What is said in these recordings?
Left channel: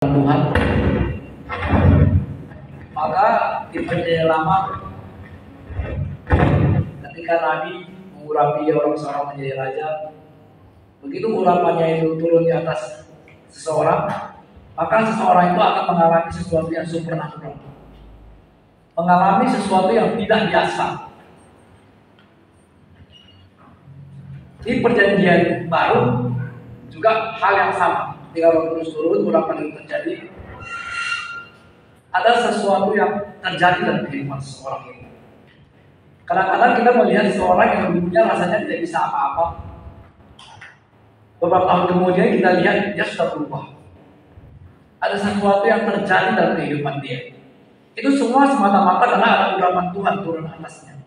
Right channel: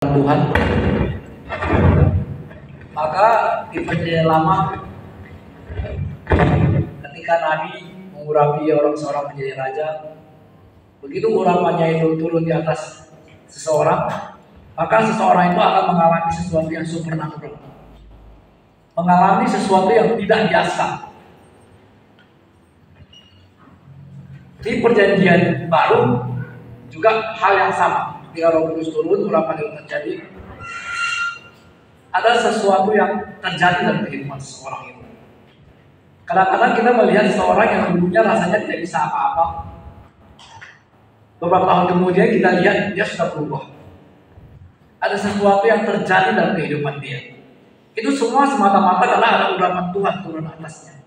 Tuhan, maka di Perjanjian Lama ketika Nabi mengurapi orang seorang menjadi raja, begitu urapannya itu turun di atas seseorang, maka seseorang itu akan mengalami sesuatu yang supernatural, mengalami sesuatu yang tidak biasa. Di Perjanjian Baru juga hal yang sama. Ketika Roh Kudus turun, urapan itu terjadi, ada sesuatu yang terjadi dalam kehidupan seseorang itu. Kadang-kadang kita melihat seseorang yang dulunya rasanya tidak bisa apa-apa, beberapa tahun kemudian kita lihat dia sudah berubah. Ada sesuatu yang terjadi dalam kehidupan dia. Itu semua semata-mata karena ada urapan Tuhan turun atasnya.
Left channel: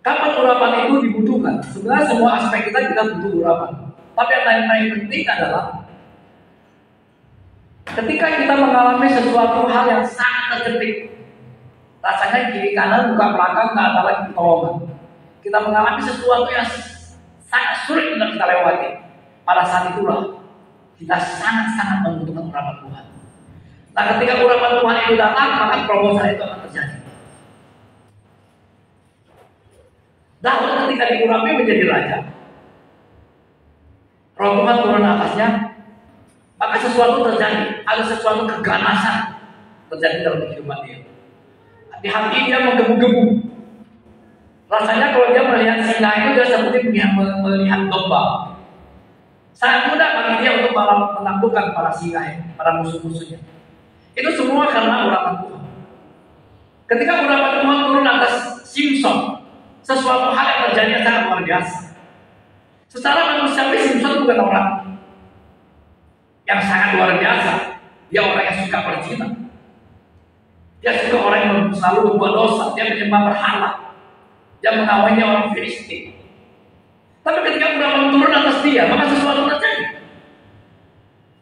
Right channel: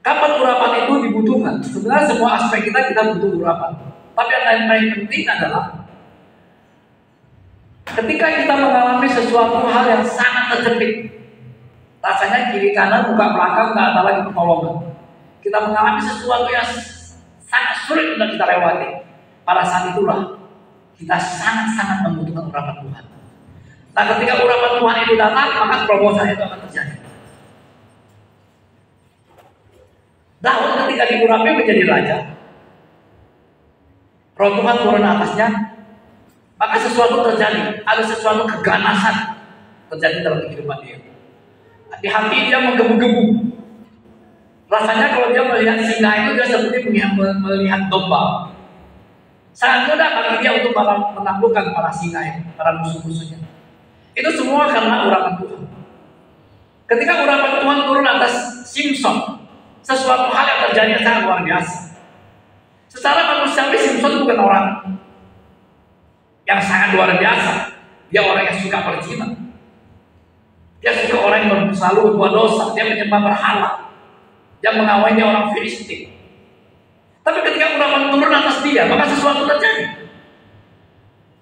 Kapan urapan itu dibutuhkan? Sebenarnya semua aspek kita butuh urapan. Tapi yang paling penting adalah ketika kita mengalami sesuatu hal yang sangat terjepit, rasanya kiri kanan buka belakang nggak ada lagi pertolongan. Kita mengalami sesuatu yang sangat sulit untuk kita lewati. Pada saat itulah kita sangat-sangat membutuhkan urapan Tuhan. Nah, ketika urapan Tuhan itu datang, maka terobosan itu akan terjadi. Daud ketika diurapi menjadi raja, Roh Tuhan turun atasnya, maka sesuatu terjadi, ada sesuatu keganasan terjadi dalam kehidupan dia. Di hati dia menggebu-gebu. Rasanya kalau dia melihat singa itu dia seperti melihat domba. Sangat mudah bagi dia untuk menaklukkan para singa itu, para musuh-musuhnya. Itu semua karena urapan Tuhan. Ketika urapan Tuhan turun atas Simson, sesuatu hal yang terjadi yang sangat luar biasa. Secara manusiawi Simson bukan orang yang sangat luar biasa. Dia orang yang suka berzina. Dia suka orang yang selalu berbuat dosa. Dia menyembah berhala. Dia mengawini orang Filistin. Tapi ketika urapan turun atas dia, maka sesuatu terjadi.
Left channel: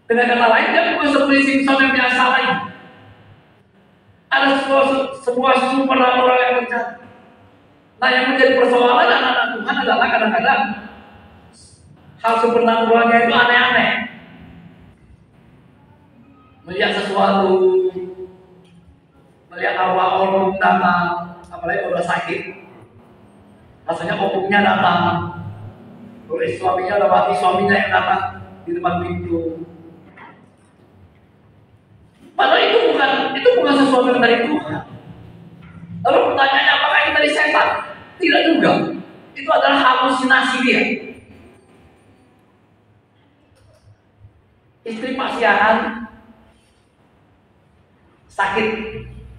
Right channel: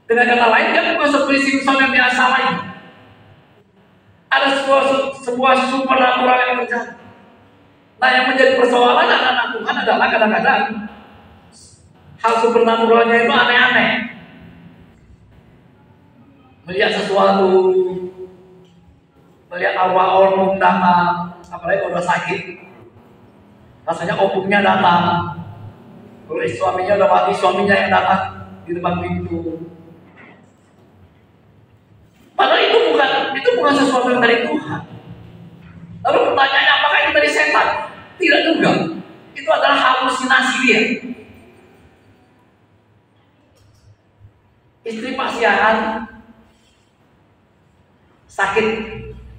Dengan kata lain, dia bukan seperti Simson yang biasa lain. Ada sebuah supernatural yang terjadi. Nah, yang menjadi persoalan anak-anak Tuhan adalah kadang-kadang hal supernaturalnya itu aneh-aneh. Melihat sesuatu, melihat arwah opung datang, apalagi kalau sakit, rasanya opungnya datang. Kalau suaminya lewati, suaminya yang datang di depan pintu. Padahal itu bukan sesuatu yang dari Tuhan. Lalu pertanyaannya, apakah itu dari setan? Tidak juga. Itu adalah halusinasi dia. Istri Pak Siahan sakit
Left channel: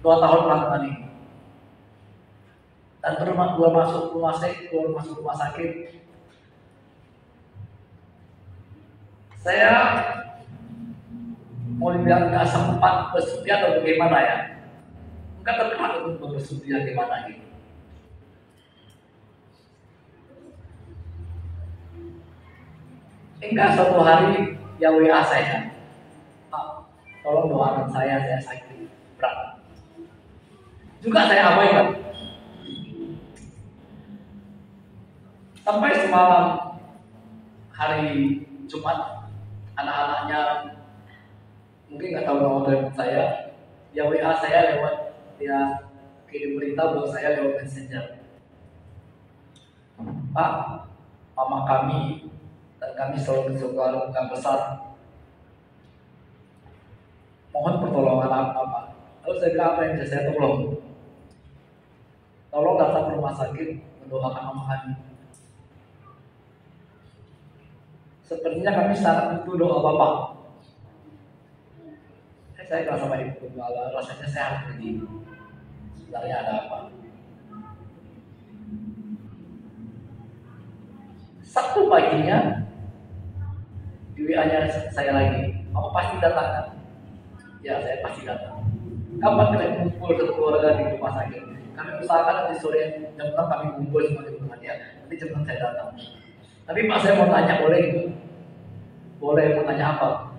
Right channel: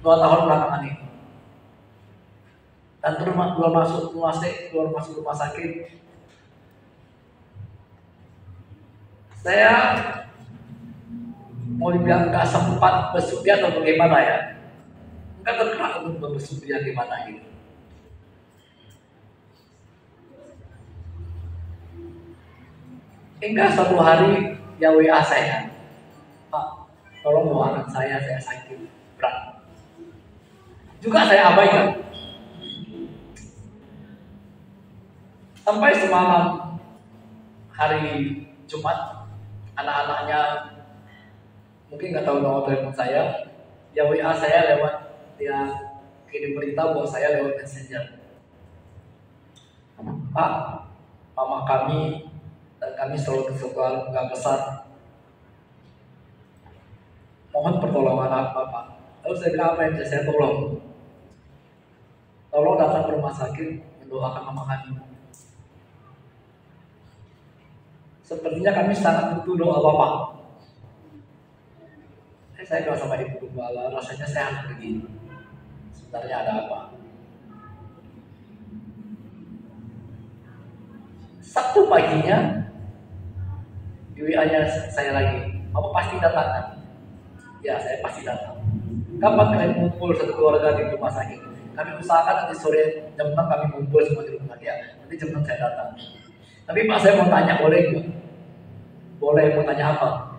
2 tahun belakangan ini. Dan keluar masuk rumah sakit. Saya mau dibilang gak sempat bersedia atau bagaimana ya? Enggak tergerak untuk bersedia gimana gitu. Hingga suatu hari dia WA saya, Pak, tolong doakan saya sakit berat. Juga saya abaikan. Sampai semalam hari Jumat, anak-anaknya mungkin nggak tahu nama telepon saya, dia WA saya lewat, dia kirim berita buat saya lewat messenger. Pak, mama kami dan kami selalu berkeluarga besar, mohon pertolongan apa Pak? Lalu saya bilang, apa yang bisa saya tolong? Tolong datang ke rumah sakit mendoakan mama kami. Sepertinya kami sangat butuh doa Bapak. Saya bilang sama ibu gembala, rasanya saya harus pergi. Sebenarnya ada apa? Sabtu paginya di WA-nya saya lagi, kamu pasti datang kan? Ya, saya pasti datang. Kapan kalian kumpul satu keluarga di rumah sakit? Kami usahakan nanti sore jam 6 kami kumpul semua di rumah dia. Nanti jam 6 saya datang. Tapi Pak, saya mau tanya, boleh nggak? Boleh, mau tanya apa?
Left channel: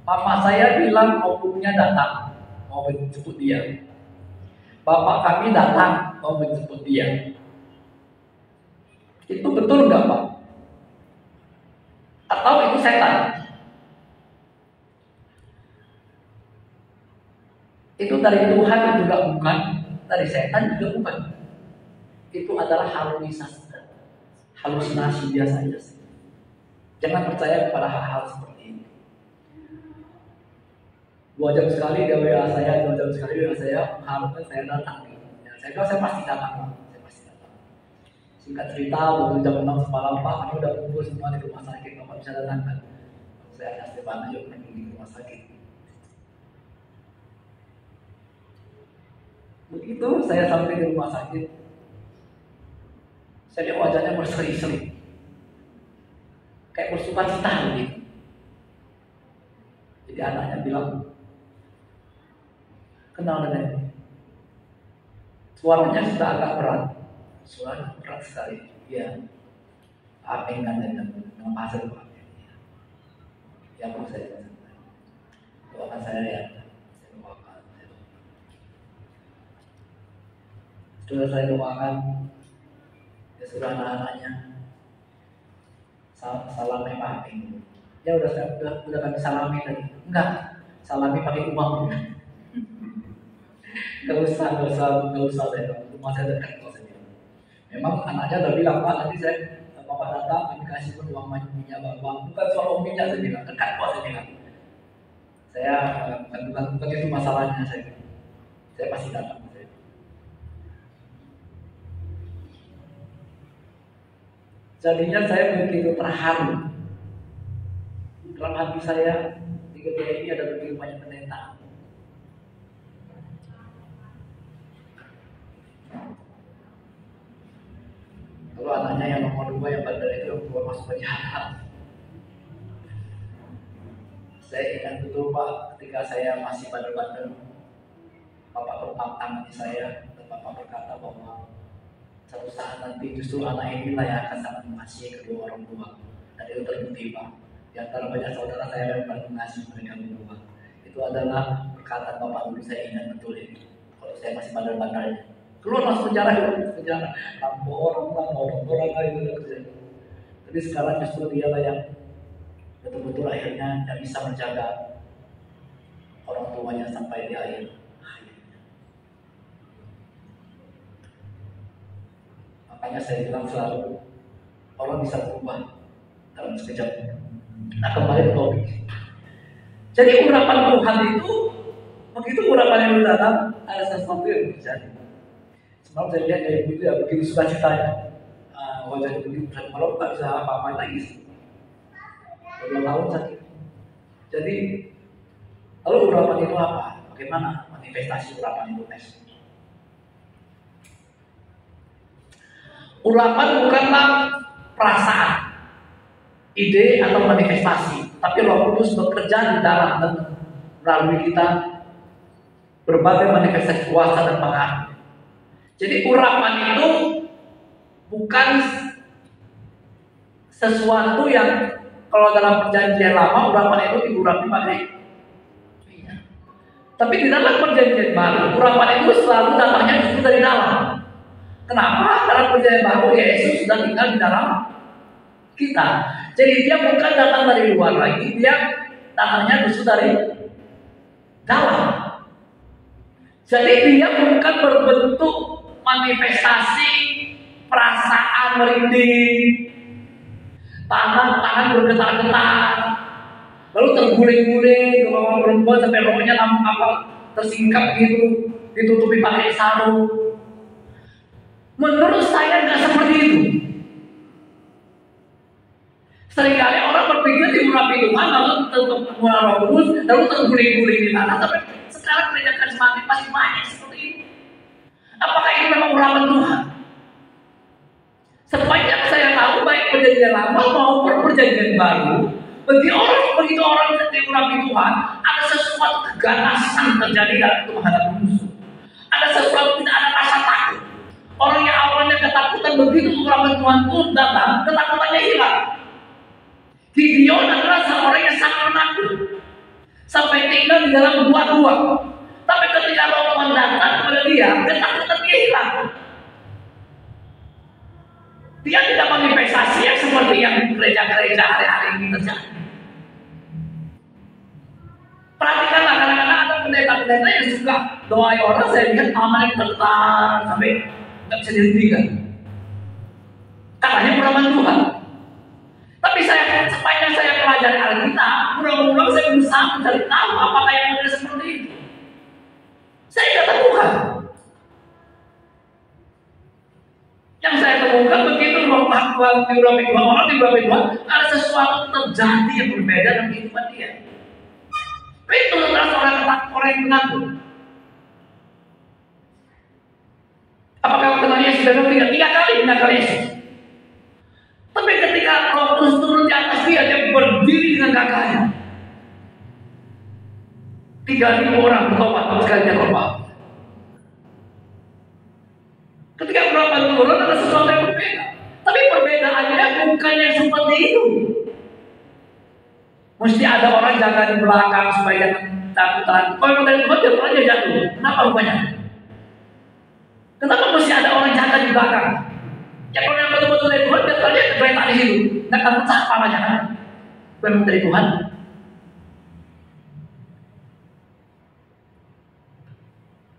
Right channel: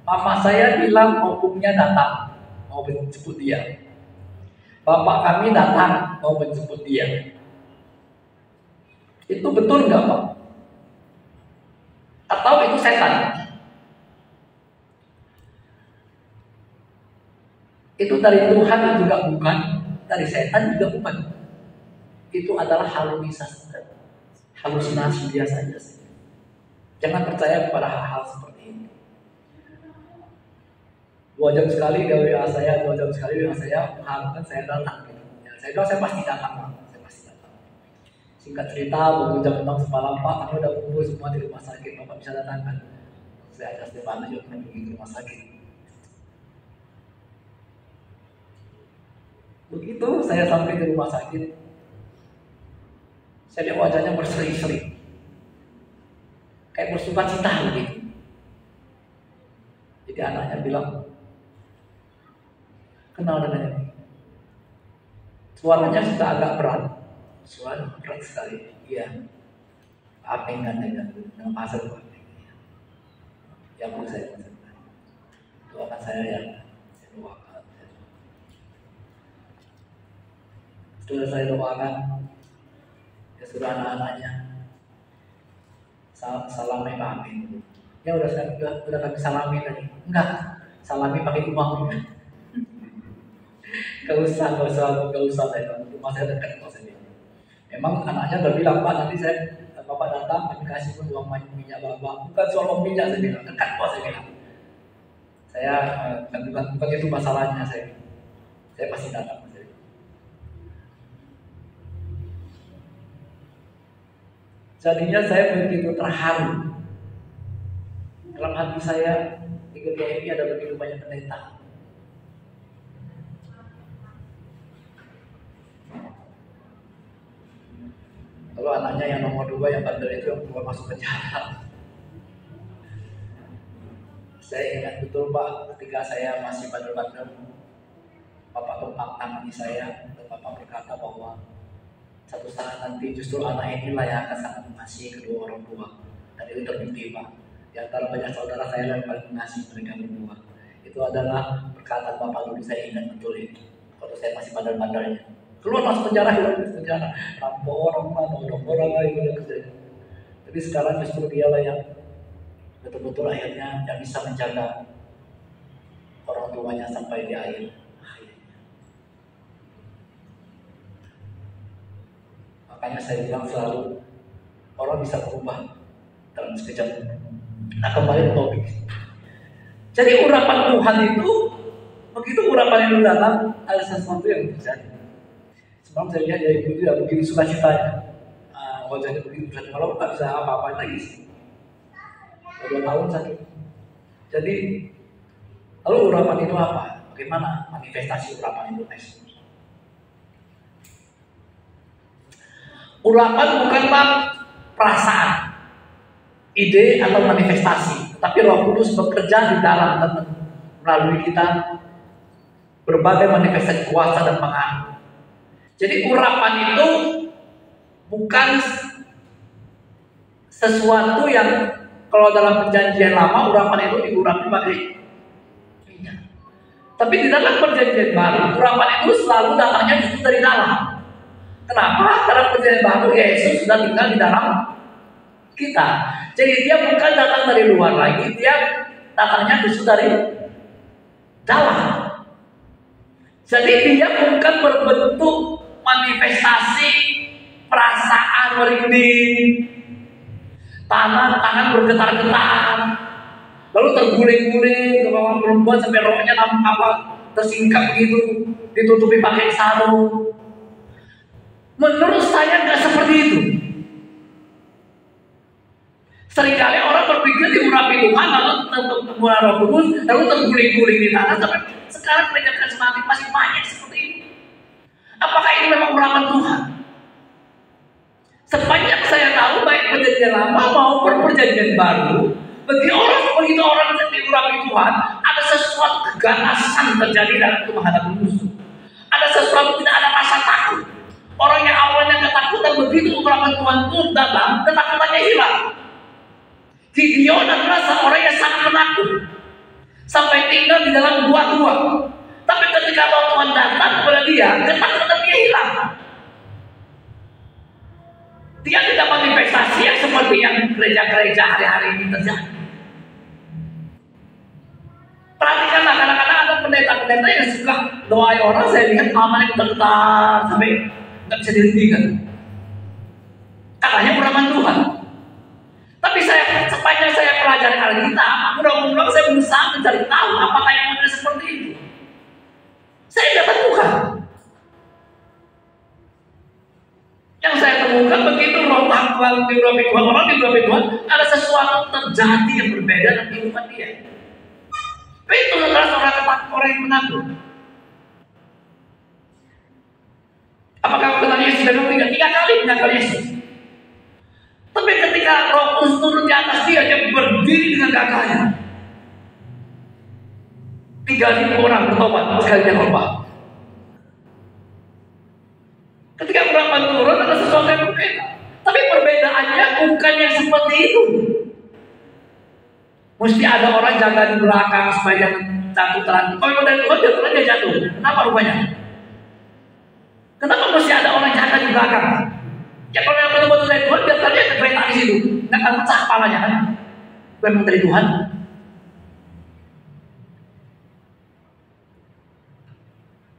Mama saya bilang opungnya datang, mau menjemput dia. Bapak kami datang, mau menjemput dia. Itu betul nggak Pak? Atau itu setan? Itu dari Tuhan juga bukan, dari setan juga bukan. Itu adalah halusinasi biasa saja. Jangan percaya kepada hal-hal seperti ini. 2 jam sekali dia WA saya, 2 jam sekali WA saya, mengharapkan saya datang. Ya, saya bilang saya pasti datang. Singkat cerita, begitu jam 6 semalam, Pak, kami udah kumpul semua di rumah sakit, Bapak bisa datang kan? Saya kasih Pak yuk pergi ke rumah sakit. Begitu saya sampai di rumah sakit, saya lihat wajahnya berseri-seri, kayak bersuka cita begitu. Jadi anaknya bilang, kenal dengan ini. Suaranya sudah agak berat. Suaranya berat sekali. Iya. Apa yang dengan pasal Pak? Ya Bu, saya doakan saya ya. Saya doakan. Setelah saya doakan, ya sudah anak-anaknya salami Pak itu. Ya udah kami salami tadi. Enggak, salami pakai uang. Gak usah saya. Rumah saya dekat kok saya. Memang anaknya udah bilang, Pak, nanti Bapak datang, kami kasih pun uang minyak Bapak. Bukan soal minyak, saya bilang, dekat kok saya bilang. Saya bukan itu masalahnya saya. Saya pasti datang. Jadinya saya begitu terharu. Dalam hati saya, di gereja ini ada begitu banyak pendeta. Kalau anaknya yang nomor 2 yang bandel itu yang keluar masuk penjara. Saya ingat betul Pak, ketika saya masih bandel-bandel, Bapak berpang tangan di saya dan Bapak berkata bahwa satu saat nanti justru anak inilah yang akan sangat mengasihi kedua orang tua. Dan itu terbukti Pak. Di antara banyak saudara saya yang paling mengasihi mereka berdua. Itu adalah perkataan Bapak dulu, saya ingat betul itu. Kalau saya masih bandel-bandelnya. Keluar masuk penjara, rampok orang lagi. Tapi sekarang justru dialah yang betul-betul akhirnya yang bisa menjaga orang tuanya sampai di akhir. Makanya saya bilang selalu orang bisa berubah dalam sekejap. Nah, kembali ke topik. Jadi urapan Tuhan itu begitu urapan yang datang, ada sesuatu yang terjadi. Semalam saya lihat ya ibu itu ya begitu sukacitanya, wajahnya begitu. Kalau nggak bisa apa-apa lagi sih. 2 tahun sakit. Jadi lalu urapan itu apa? Bagaimana manifestasi urapan itu, Nes? Urapan bukanlah perasaan, ide atau manifestasi, tapi Roh Kudus bekerja di dalam dan melalui kita berbagai manifestasi kuasa dan pengaruh. Jadi urapan itu bukan sesuatu yang kalau dalam perjanjian lama urapan itu diurapi pakai minyak. Tapi di dalam perjanjian baru urapan itu selalu datangnya justru dari dalam. Kenapa? Karena perjanjian baru Yesus sudah tinggal di dalam kita. Jadi dia bukan datang dari luar lagi, dia datangnya justru dari dalam. Jadi dia bukan berbentuk manifestasi perasaan merinding, tangan bergetar-getar, lalu terguling-guling, kalau perempuan sampai rohnya tersingkap gitu, ditutupi pakai sarung. Menurut saya nggak seperti itu. Seringkali orang berpikir diurapi Tuhan lalu ketemu Roh Kudus, lalu terguling-guling di tanah. Tapi sekarang gereja karismatik masih banyak seperti ini. Apakah ini memang urapan Tuhan? Sepanjang saya tahu baik perjanjian lama maupun perjanjian baru, begitu orang diurapi Tuhan, ada sesuatu keganasan terjadi dalam itu menghadapi musuh. Ada sesuatu, tidak ada rasa takut. Orang yang awalnya ketakutan, begitu urapan Tuhan itu datang, ketakutannya hilang. Gideon adalah seorang yang sangat penakut, sampai tinggal di dalam gua-gua. Tapi ketika Roh Tuhan datang kepada dia, ketakutan dia hilang. Dia tidak manifestasi yang seperti yang gereja-gereja hari-hari ini terjadi. Perhatikanlah, kadang-kadang ada pendeta pendeta yang suka doa orang, saya lihat amalnya bentar sampai nggak bisa dihentikan. Katanya peraman Tuhan. Tapi sepanjang saya pelajari Alkitab, mudah-mudahan saya berusaha mencari tahu apakah yang ada seperti itu. Saya tidak temukan. Yang saya temukan begitu Roh Tuhan diurapi Tuhan, orang diurapi Tuhan, ada sesuatu terjadi yang berbeda dengan kehidupan dia. Itu adalah orang yang mengaku. Apakah kenal Yesus dan tiga kali mengenal Yesus? Tapi ketika Roh Kudus turun di atas dia berdiri dengan gagahnya. 3.000 orang bertobat sekali dia khotbah. Ketika Roh turun ada sesuatu yang berbeda. Tapi perbedaannya bukan yang seperti itu. Mesti ada orang jaga di belakang supaya jatuh tangan. Kalau dari Tuhan dia jatuh. Kenapa rupanya? Kenapa mesti ada orang jaga di belakang? Ya kalau yang betul-betul dari Tuhan, dia kereta di situ, nggak akan pecah kepalanya kan? Memang dari Tuhan.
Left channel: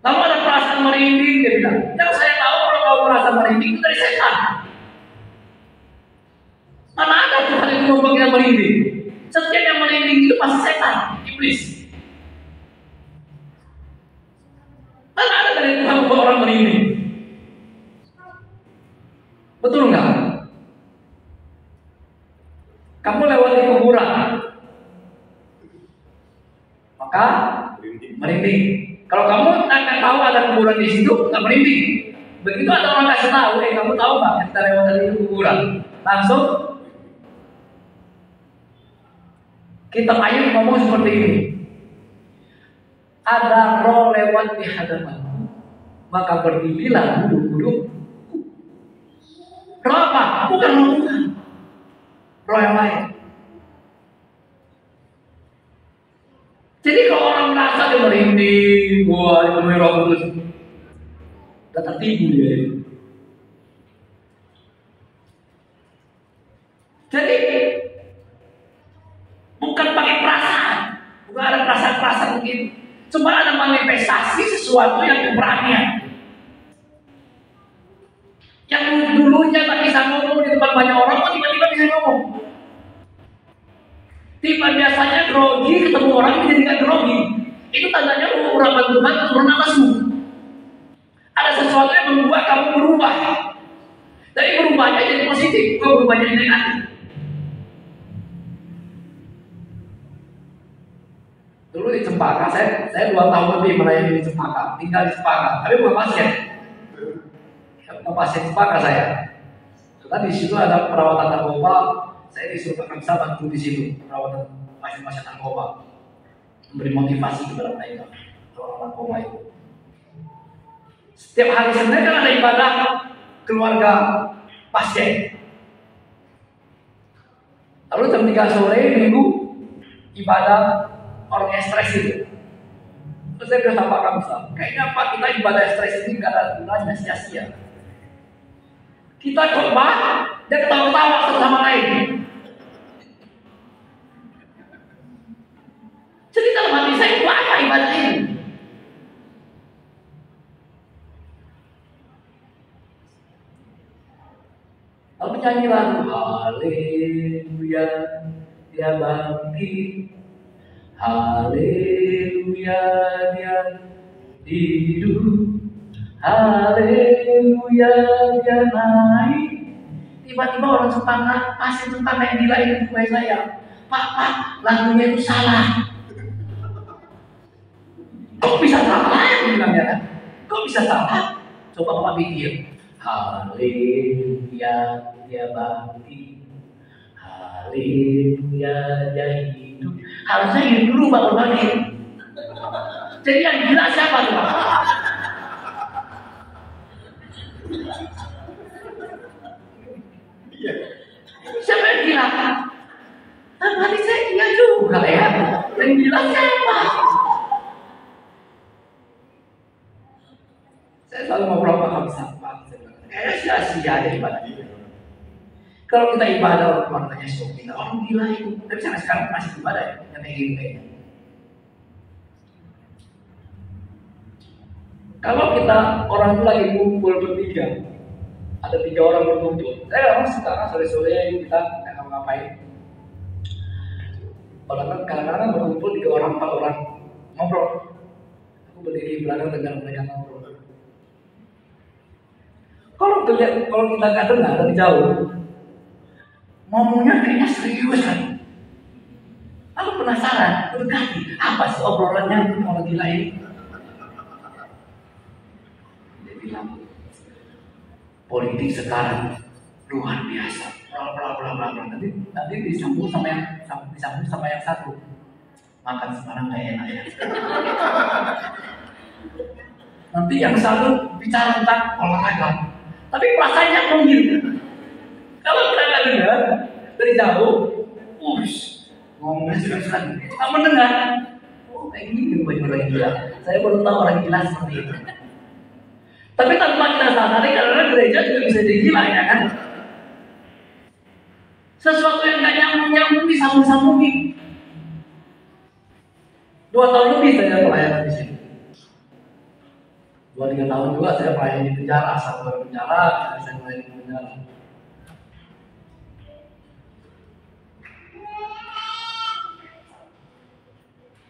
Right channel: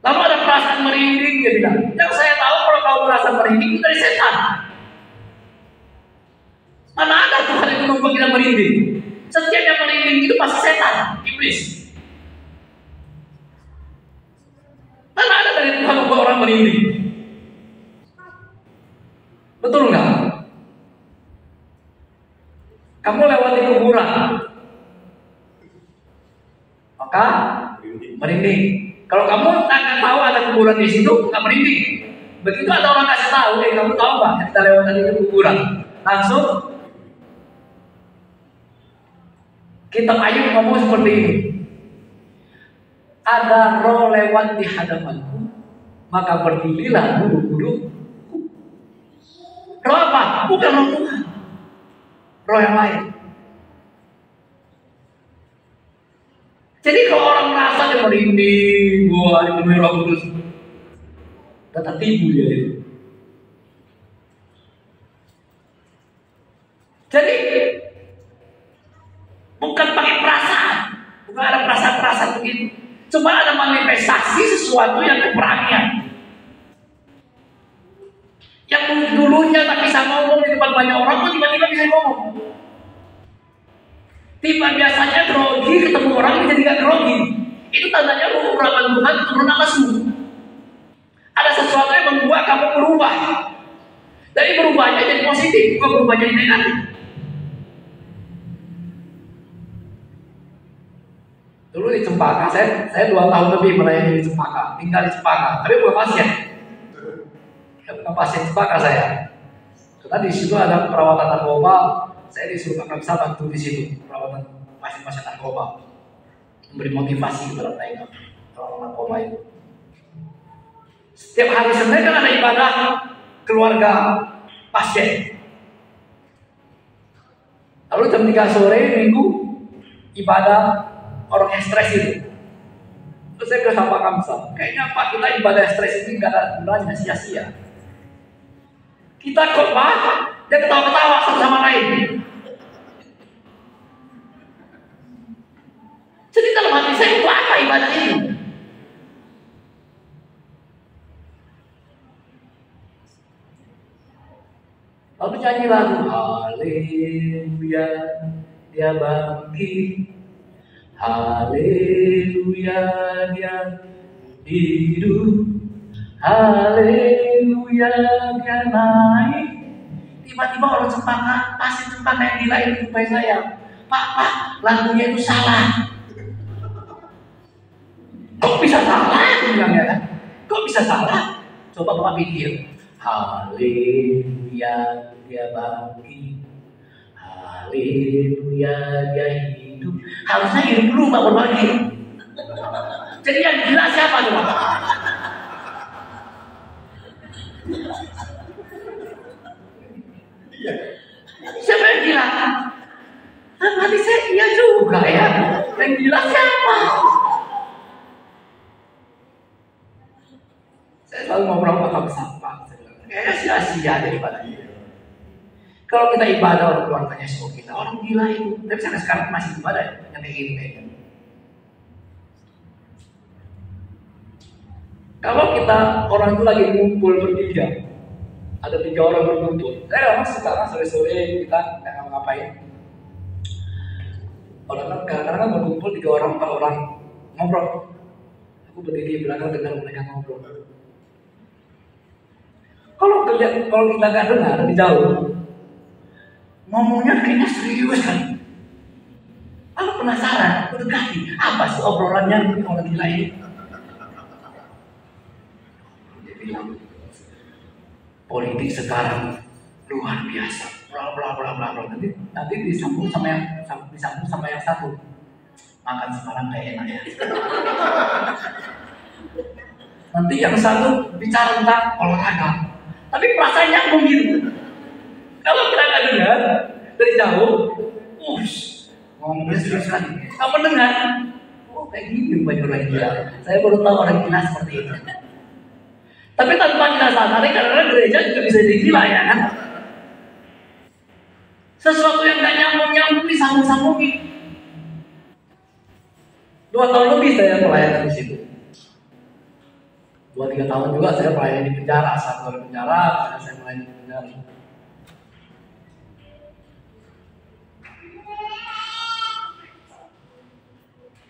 Lalu ada perasaan merinding, dia bilang. Yang saya tahu kalau kau merasa merinding itu dari setan. Mana ada Tuhan yang membuat kita merinding? Setiap yang merinding itu pasti setan, iblis. Mana ada dari Tuhan membuat orang merinding? Betul nggak? Kamu lewati kuburan, maka merinding. Kalau kamu nggak tahu ada kuburan di situ, nggak merinding. Begitu ada orang kasih tahu, kamu tahu nggak kita lewat dari kuburan, langsung kita ayo ngomong seperti ini. Ada roh lewat di hadapanku, maka berdirilah buru-buru. Roh apa? Bukan roh Tuhan. Roh yang lain. Jadi kalau orang merasa dia merinding, wah dipenuhi Roh Kudus, datang tibu dia itu. Jadi bukan pakai perasaan, bukan ada perasaan-perasaan begitu. Cuma ada manifestasi sesuatu yang keberanian. Yang dulunya tak bisa ngomong di depan banyak orang, tiba-tiba bisa ngomong. Tiba biasanya grogi, ketemu orang jadi gak grogi. Itu tandanya urapan Tuhan turun atasmu. Ada sesuatu yang membuat kamu berubah. Dari berubahnya jadi positif, bukan berubah jadi negatif. Dulu di Cempaka, saya 2 tahun lebih melayani di Cempaka, tinggal di Cempaka, tapi bukan pasien. Bukan pasien Cempaka saya. Karena di situ ada perawatan narkoba, saya disuruh Pak Kamsa bantu di situ perawatan pasien-pasien narkoba, memberi motivasi kepada mereka perawatan narkoba itu. Setiap hari Senin kan ada ibadah keluarga pasien. Lalu jam 3 sore Minggu ibadah orang yang stres itu. Terus saya bilang sama Pak Kamsa, kayaknya Pak kita ibadah stres ini gak ada gunanya, sia-sia. Kita khotbah dan ketawa-ketawa satu sama lain. Jadi dalam hati saya itu apa ibadah ini? Lalu nyanyi lagu Haleluya, dia bangkit. Haleluya, dia hidup. Haleluya, dia naik. Tiba-tiba orang Cempaka, pasti Cempaka yang gila ini supaya saya. Pak, lagunya itu salah. Kok bisa salah? Bilangnya kan? Kok bisa salah? Coba Bapak pikir. Haleluya, dia bangkit. Haleluya, dia hidup. Harusnya hidup dulu Pak berbagi. Jadi yang gila siapa coba? Siapa yang gila? Hati saya iya juga ya. Yang gila siapa? Saya selalu ngobrol sama Pak Sampah. Kayaknya sia-sia deh ibadah ini. Kalau kita ibadah orang keluarganya suka kita, orang gila itu. Tapi sampai sekarang masih ibadah yang kayak gini kayaknya. Kalau kita orang itu lagi ngumpul bertiga, ada 3 orang berkumpul. Orang suka sore-sore kita nggak ngapa-ngapain. Orang kadang-kadang berkumpul 3 orang 4 orang ngobrol. Aku berdiri di belakang dengar mereka ngobrol. Kalau kita nggak dengar dari jauh, ngomongnya kayaknya serius kan. Aku penasaran, aku dekati apa sih obrolannya orang gila ini. Dia bilang, politik sekarang luar biasa, bla bla bla bla bla. Nanti disambung sama yang satu. Makan sekarang gak enak ya. Nanti yang satu bicara tentang olahraga, tapi perasaannya mungkin. Kalau kita nggak dengar dari jauh, ngomongnya serius sekali. Kamu dengar? Oh, kayak gini banyak orang gila. Saya baru tahu orang gila seperti itu. Tapi tanpa kita sadari, karena gereja juga bisa jadi gila ya kan? Sesuatu yang nggak nyambung disambung-sambungin. 2 tahun lebih saya pelayanan di situ. 2-3 tahun juga saya pelayanan di penjara, 1 hari penjara, saya pelayanan di penjara.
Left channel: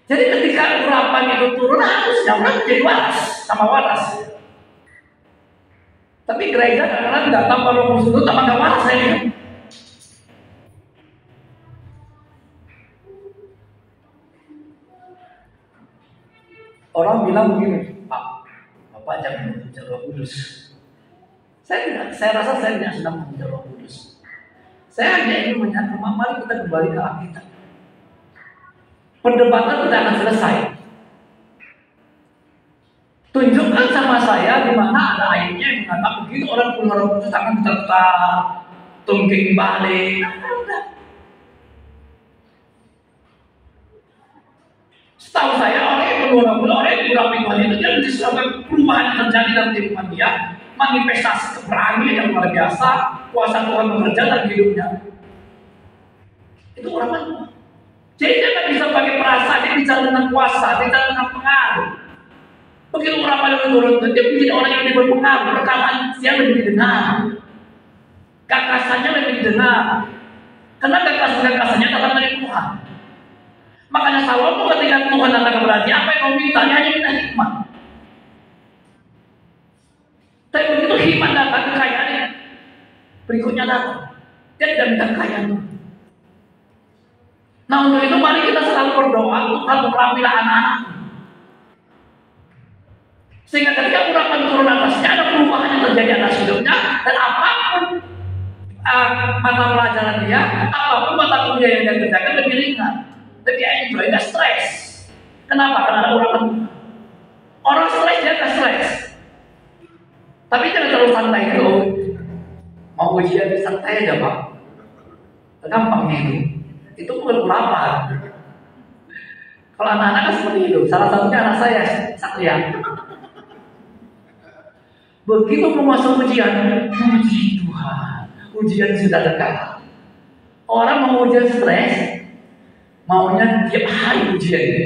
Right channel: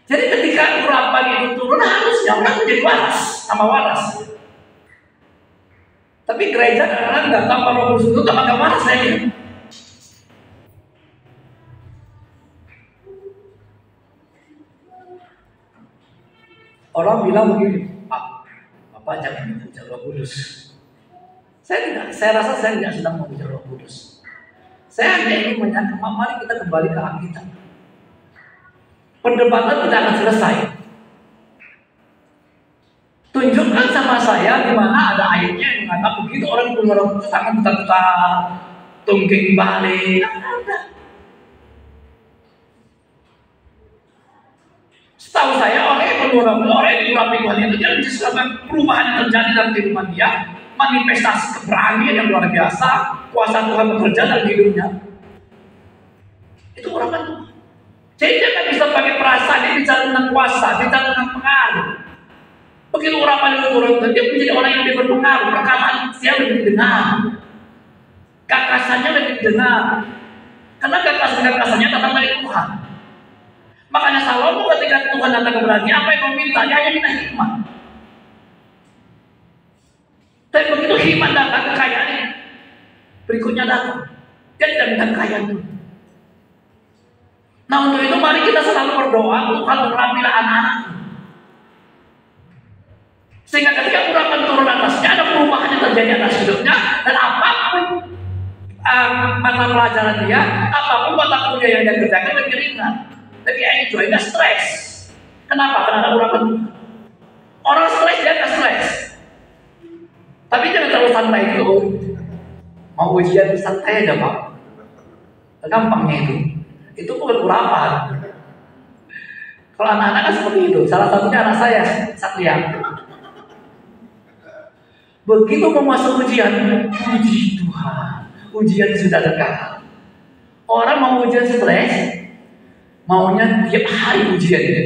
Jadi ketika urapan itu turun, harusnya orang menjadi waras sama waras. Tapi gereja karena nggak tanpa Roh Kudus itu tanpa nggak waras ya. Orang bilang begini, Pak, Bapak jangan mempunyai Roh Kudus. Saya rasa saya tidak sedang mempunyai Roh Kudus. Saya hanya ingin menyatakan, mari kita kembali ke Alkitab. Perdebatan tidak akan selesai. Tunjukkan sama saya di mana ada ayatnya yang mengatakan begitu orang punya Roh Kudus akan tetap tungking balik. Setahu saya orang yang diurapi Tuhan itu dia disebabkan perubahan yang terjadi dalam kehidupan dia, manifestasi keberanian yang luar biasa, kuasa Tuhan bekerja dalam hidupnya. Itu urapan Tuhan. Jadi dia tidak bisa pakai perasaan, dia bicara tentang kuasa, bicara tentang pengaruh. Begitu urapan itu turun, dia menjadi orang yang lebih berpengaruh, perkataan dia lebih didengar, gagasannya lebih didengar, karena gagasannya datang dari Tuhan. Makanya Salomo ketika Tuhan datang kepada dia, apa yang kau minta? Dia hanya minta hikmat. Tapi begitu hikmat datang, kekayaannya berikutnya datang. Dia tidak minta kekayaan itu. Nah untuk itu mari kita selalu berdoa Tuhan merapilah anak-anak, sehingga ketika urapan turun atasnya ada perubahan yang terjadi atas hidupnya, dan apapun mata pelajaran dia, apapun mata kuliah yang dia kerjakan lebih ringan, lebih enjoy, nggak stres. Kenapa? Karena urapan. Orang stres dia nggak stres, tapi jangan terlalu santai itu. Mau ujian santai aja Pak, gampangnya itu. Itu bukan urapan. Kalau anak-anak kan seperti itu. Salah satunya anak saya, Satria. Begitu mau masuk ujian, puji Tuhan, ujian sudah dekat. Orang mau ujian stres, maunya tiap hari ujian ini.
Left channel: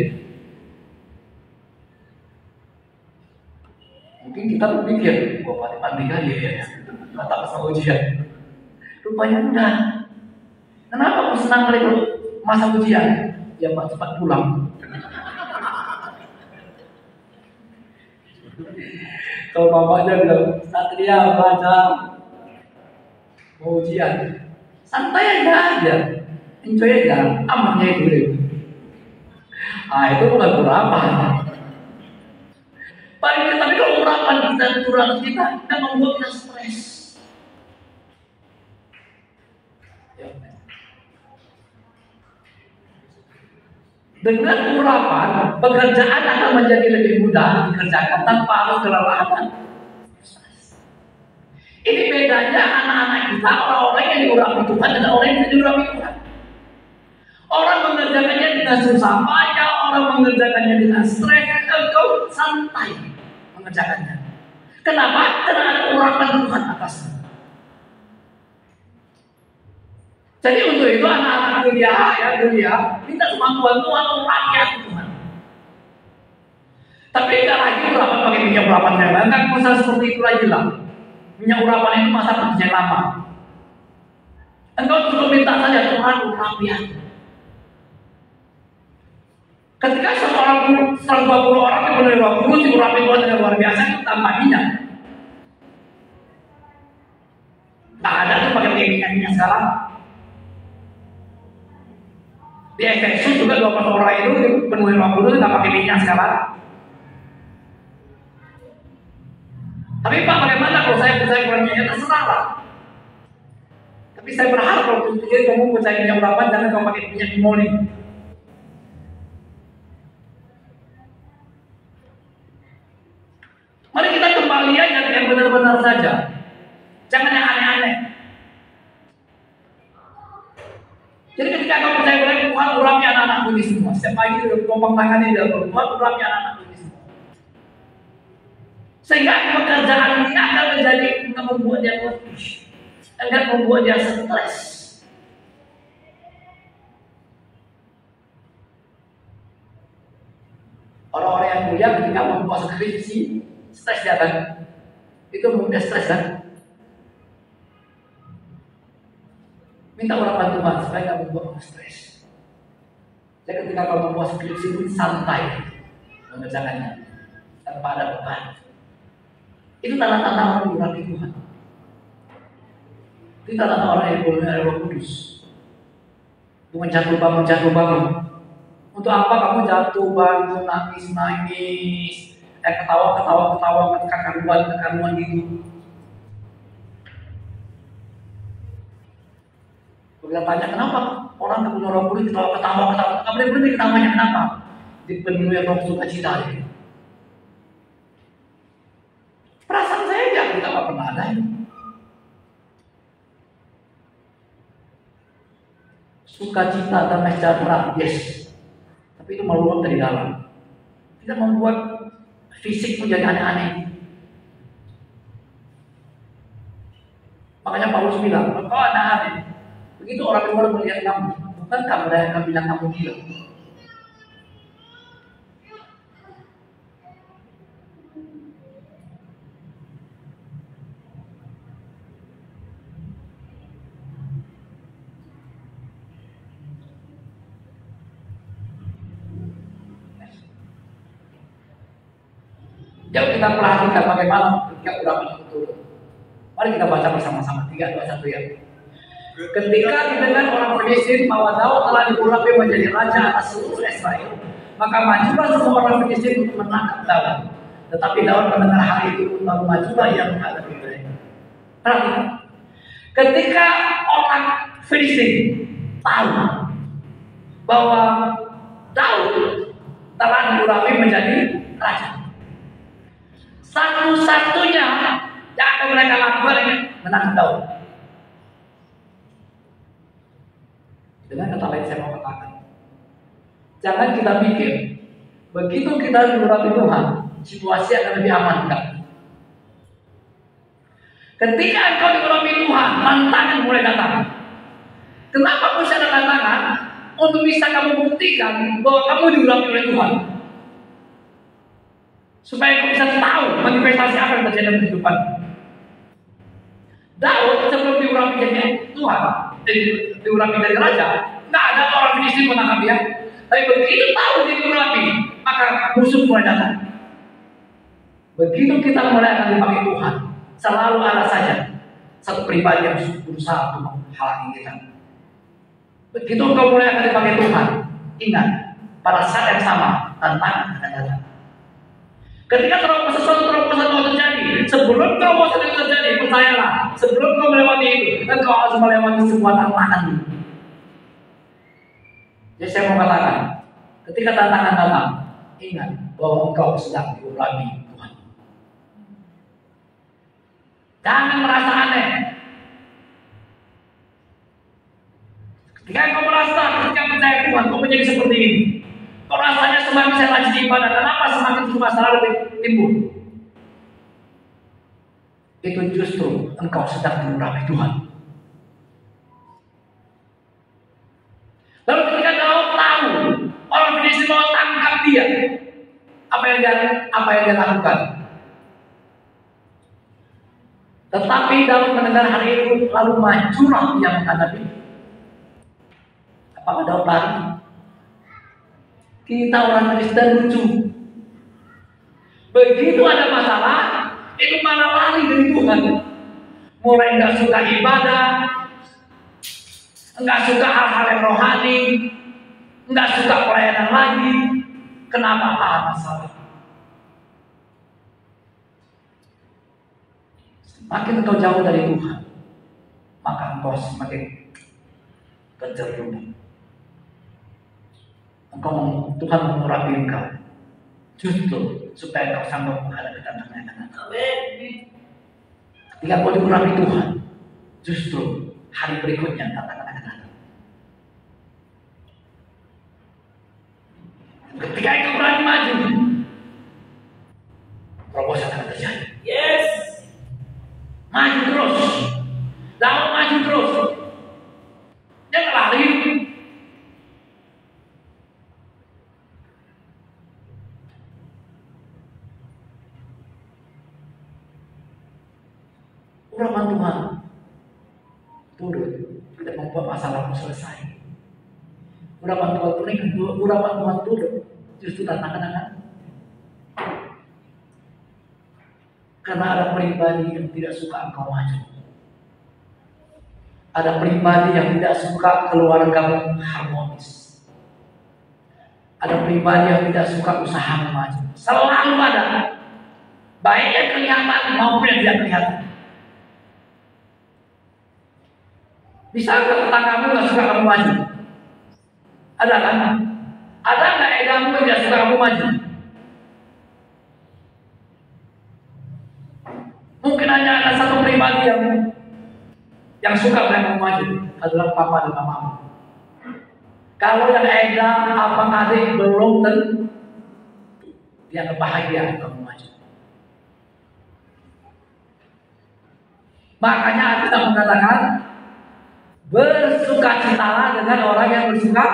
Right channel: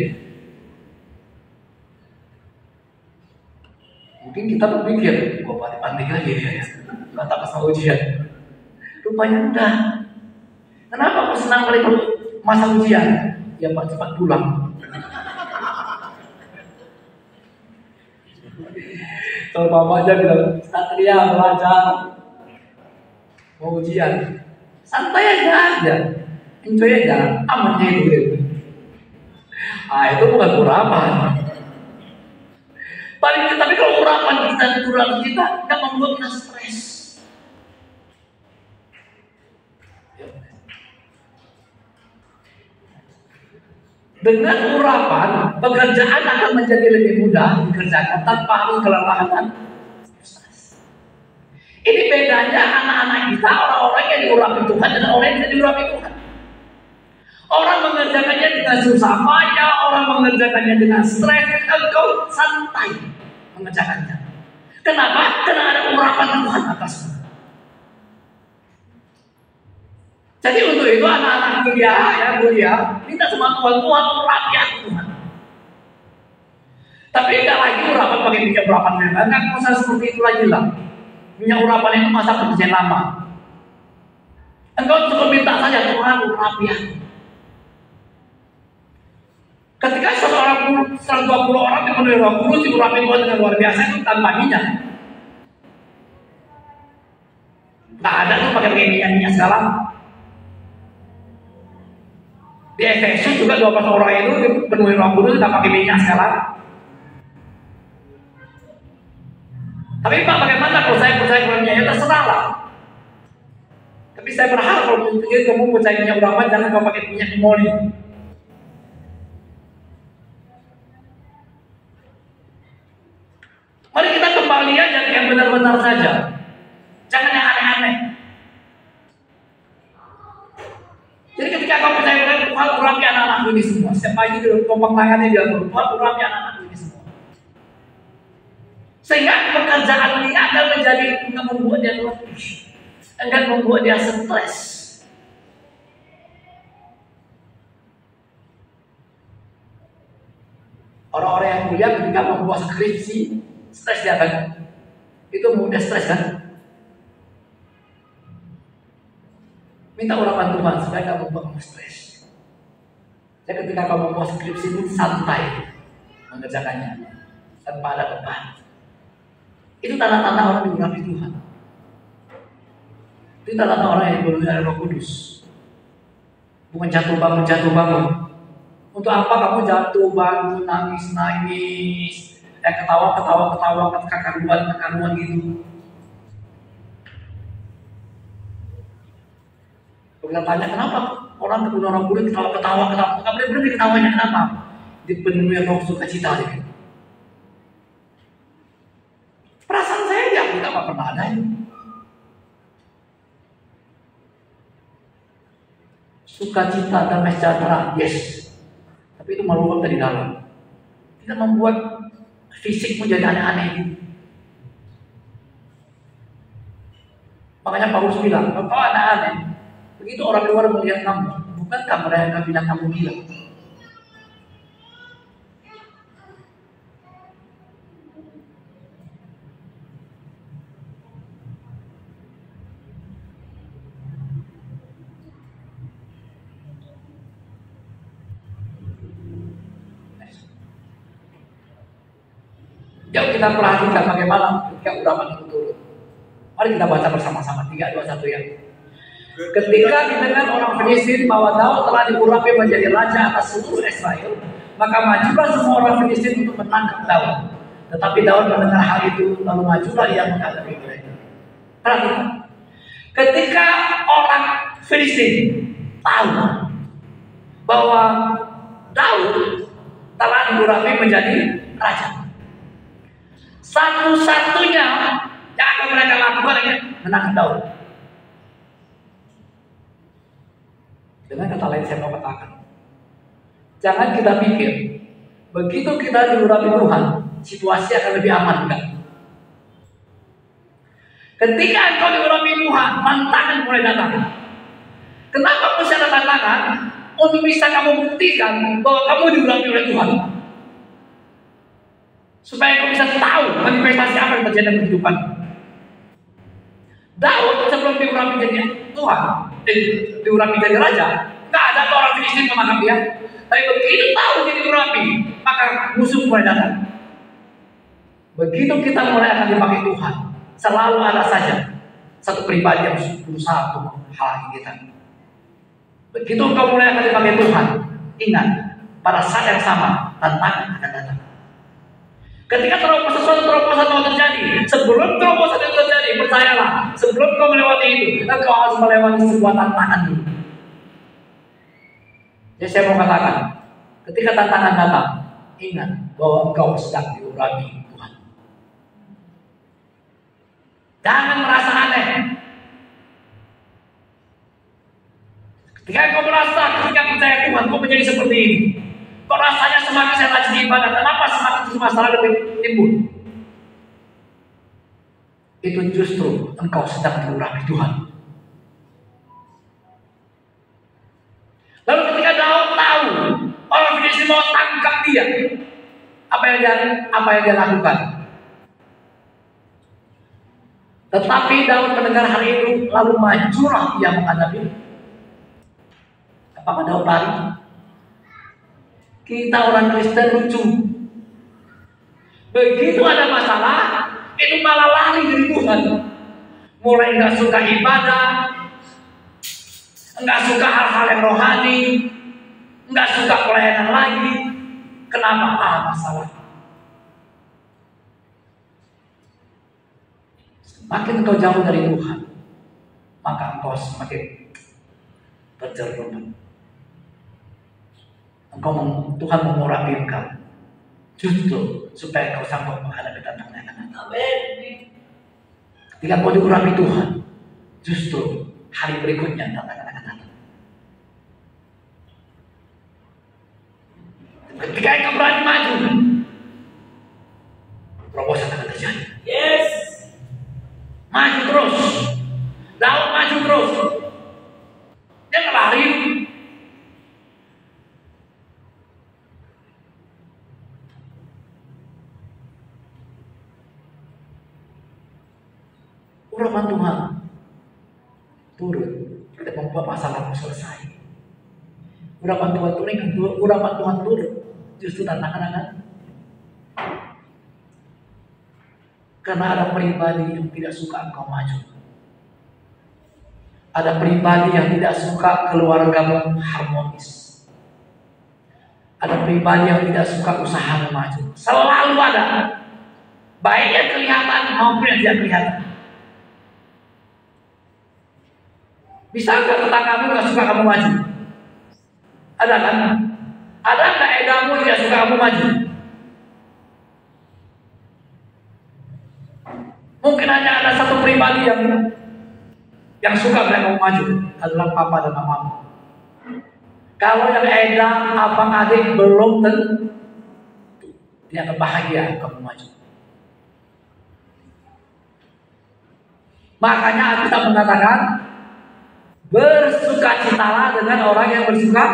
Mungkin kita berpikir, gua pandai kali ya, tak pasal ujian. Rupanya mudah. Kenapa aku senang kali masa ujian? Ya Pak, cepat pulang. Kalau mamanya bilang, Satria baca mau ujian, santai aja, enjoy aja, amannya itu. Itu bukan urapan. Tapi kalau urapan kita dan urapan kita yang membuat kita stres. Dengan urapan, pekerjaan akan menjadi lebih mudah dikerjakan tanpa harus kelelahan. Ini bedanya anak-anak kita, orang-orang yang diurapi Tuhan dan orang yang tidak diurapi Tuhan. Orang mengerjakannya dengan susah payah, orang mengerjakannya dengan stres, engkau santai mengerjakannya. Kenapa? Karena ada urapan Tuhan atasmu. Jadi untuk itu anak-anak kuliah minta sama Tuhan urapi hati Tuhan. Tapi enggak lagi urapan pakai minyak urapan memang. Enggak masalah seperti itu lagi lah. Minyak urapan itu masa perjanjian lama. Engkau cukup minta saja, Tuhan urapi aku. Ketika 120 orang dipenuhi Roh Kudus, diurapi Tuhan dengan luar biasa itu tanpa minyak. Nggak ada tuh pakai minyak sekarang. Di Efesus juga 12 orang itu dipenuhi Roh Kudus nggak pakai minyak sekarang. Tapi Pak, bagaimana kalau saya percaya kurangnya? Ya terserah lah. Tapi saya berharap kalau kamu percaya minyak urapan, jangan kau pakai minyak moli. Mari kita kembali aja yang benar-benar saja. Jangan yang aneh-aneh. Jadi ketika kau percaya kepada Tuhan, urapi anak-anakku ini semua. Setiap pagi di kelompok tangannya dia berbuat, urapi anak-anakku ini semua. Sehingga pekerjaan dia akan menjadi membuat dia letih, akan membuat dia stres. Orang-orang yang mulia ketika membuat skripsi, stres dia kan? Itu membuat stres kan? Minta urapan Tuhan supaya tidak membuat kamu stres. Dan ketika kamu membuat skripsi itu santai mengerjakannya tanpa ada beban. Itu tanda-tanda orang diurapi Tuhan. Itu tanda-tanda orang yang dipenuhi oleh Roh Kudus. Bukan jatuh bangun. Untuk apa kamu jatuh bangun, nangis, ketawa, kekaruan gitu. Kalau kita tanya kenapa orang dipenuhi Roh Kudus ketawa, nggak berhenti ketawanya kenapa? Dipenuhi Roh sukacita gitu. Perasaan saya nggak pernah ada itu. Sukacita dan sejahtera, yes. Tapi itu meluap dari dalam. Tidak membuat fisik menjadi aneh-aneh. Makanya Paulus bilang, kau aneh-aneh. Begitu orang luar melihat kamu, bukankah mereka bilang kamu gila? Jadi kita perhatikan bagaimana ketika urapan itu turun. Mari kita baca bersama-sama 3, 2, 1 ya. Ketika didengar orang Filistin bahwa Daud telah diurapi menjadi raja atas seluruh Israel, maka majulah semua orang Filistin untuk menangkap Daud. Tetapi Daud mendengar hal itu, lalu majulah ia menghadapi mereka. Perhatikan. Ketika orang Filistin tahu bahwa Daud telah diurapi menjadi raja, satu-satunya yang akan mereka lakukan menangkap Daud. Dengan kata lain saya mau katakan, jangan kita pikir begitu kita diurapi Tuhan, situasi akan lebih aman, enggak. Ketika engkau diurapi Tuhan, tantangan mulai datang. Kenapa mesti ada tantangan? Untuk bisa kamu buktikan bahwa kamu diurapi oleh Tuhan. Supaya kamu bisa tahu manifestasi apa yang terjadi dalam kehidupan. Daud sebelum diurapi jadi Tuhan, diurapi jadi raja, nggak ada orang Filistin menangkap dia. Tapi begitu tahu dia diurapi, maka musuh mulai datang. Begitu kita mulai akan dipakai Tuhan, selalu ada saja satu pribadi yang berusaha untuk menghalangi kita. Begitu kau mulai akan dipakai Tuhan, ingat pada saat yang sama tantangan akan datang. Ketika terobosan mau terjadi, sebelum terobosan itu terjadi, percayalah, sebelum kau melewati itu, kau harus melewati sebuah tantangan dulu. Jadi saya mau katakan, ketika tantangan datang, ingat bahwa engkau sedang diurapi Tuhan. Jangan merasa aneh. Ketika engkau merasa, ketika percaya Tuhan, kau menjadi seperti ini. Kok rasanya semakin saya rajin ibadah, kenapa semakin itu masalah lebih timbul? Itu justru engkau sedang diurapi Tuhan. Lalu ketika Daud tahu orang Filistin mau tangkap dia, apa yang dia lakukan. Tetapi dalam mendengar hal itu lalu majulah ia menghadapi. Apakah daun lari? Kita orang Kristen lucu. Begitu ada masalah, itu malah lari dari Tuhan. Mulai nggak suka ibadah, nggak suka hal-hal yang rohani, nggak suka pelayanan lagi. Kenapa? Masalah. Makin engkau jauh dari Tuhan, maka engkau semakin terjerumus. Tuhan mengurapi engkau, justru supaya engkau sanggup menghadapi tantangan yang akan datang. Ketika kau diurapi Tuhan, justru hari berikutnya tantangan akan datang. Ketika engkau berani maju, terobosan akan terjadi. Yes. Maju terus, Daud maju terus. Dia lari. Urapan Tuhan turun, tidak membuat masalahmu selesai. Urapan Tuhan turun, justru tantangan. Karena ada pribadi yang tidak suka engkau maju. Ada pribadi yang tidak suka keluargamu harmonis. Ada pribadi yang tidak suka usahamu maju. Selalu ada. Baik yang kelihatan maupun yang tidak kelihatan. Bisakah tetanggamu tidak suka kamu maju? Ada kan? Ada nggak edamu yang tidak suka kamu maju? Mungkin hanya ada satu pribadi yang suka melihat kamu maju, adalah papa dan mamamu. Kalau yang edam abang adik belum tentu dia akan bahagia kamu maju. Makanya kita mengatakan bersukacitalah dengan orang yang bersuka,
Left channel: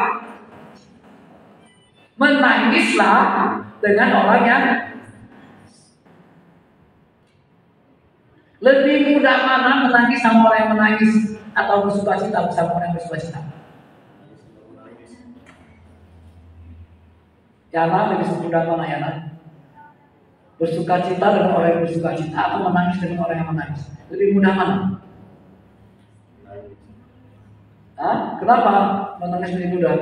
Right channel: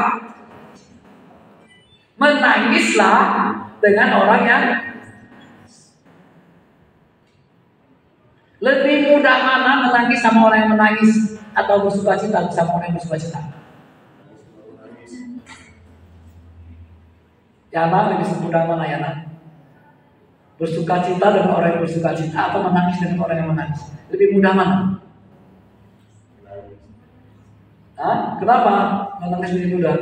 menangislah dengan orang yang. Lebih mudah mana menangis sama orang yang menangis atau bersukacita sama orang yang bersukacita? Yana lebih mudah mana Yana? Bersukacita dengan orang yang bersukacita atau menangis dengan orang yang menangis? Lebih mudah mana? Hah? Kenapa menangis lebih mudah?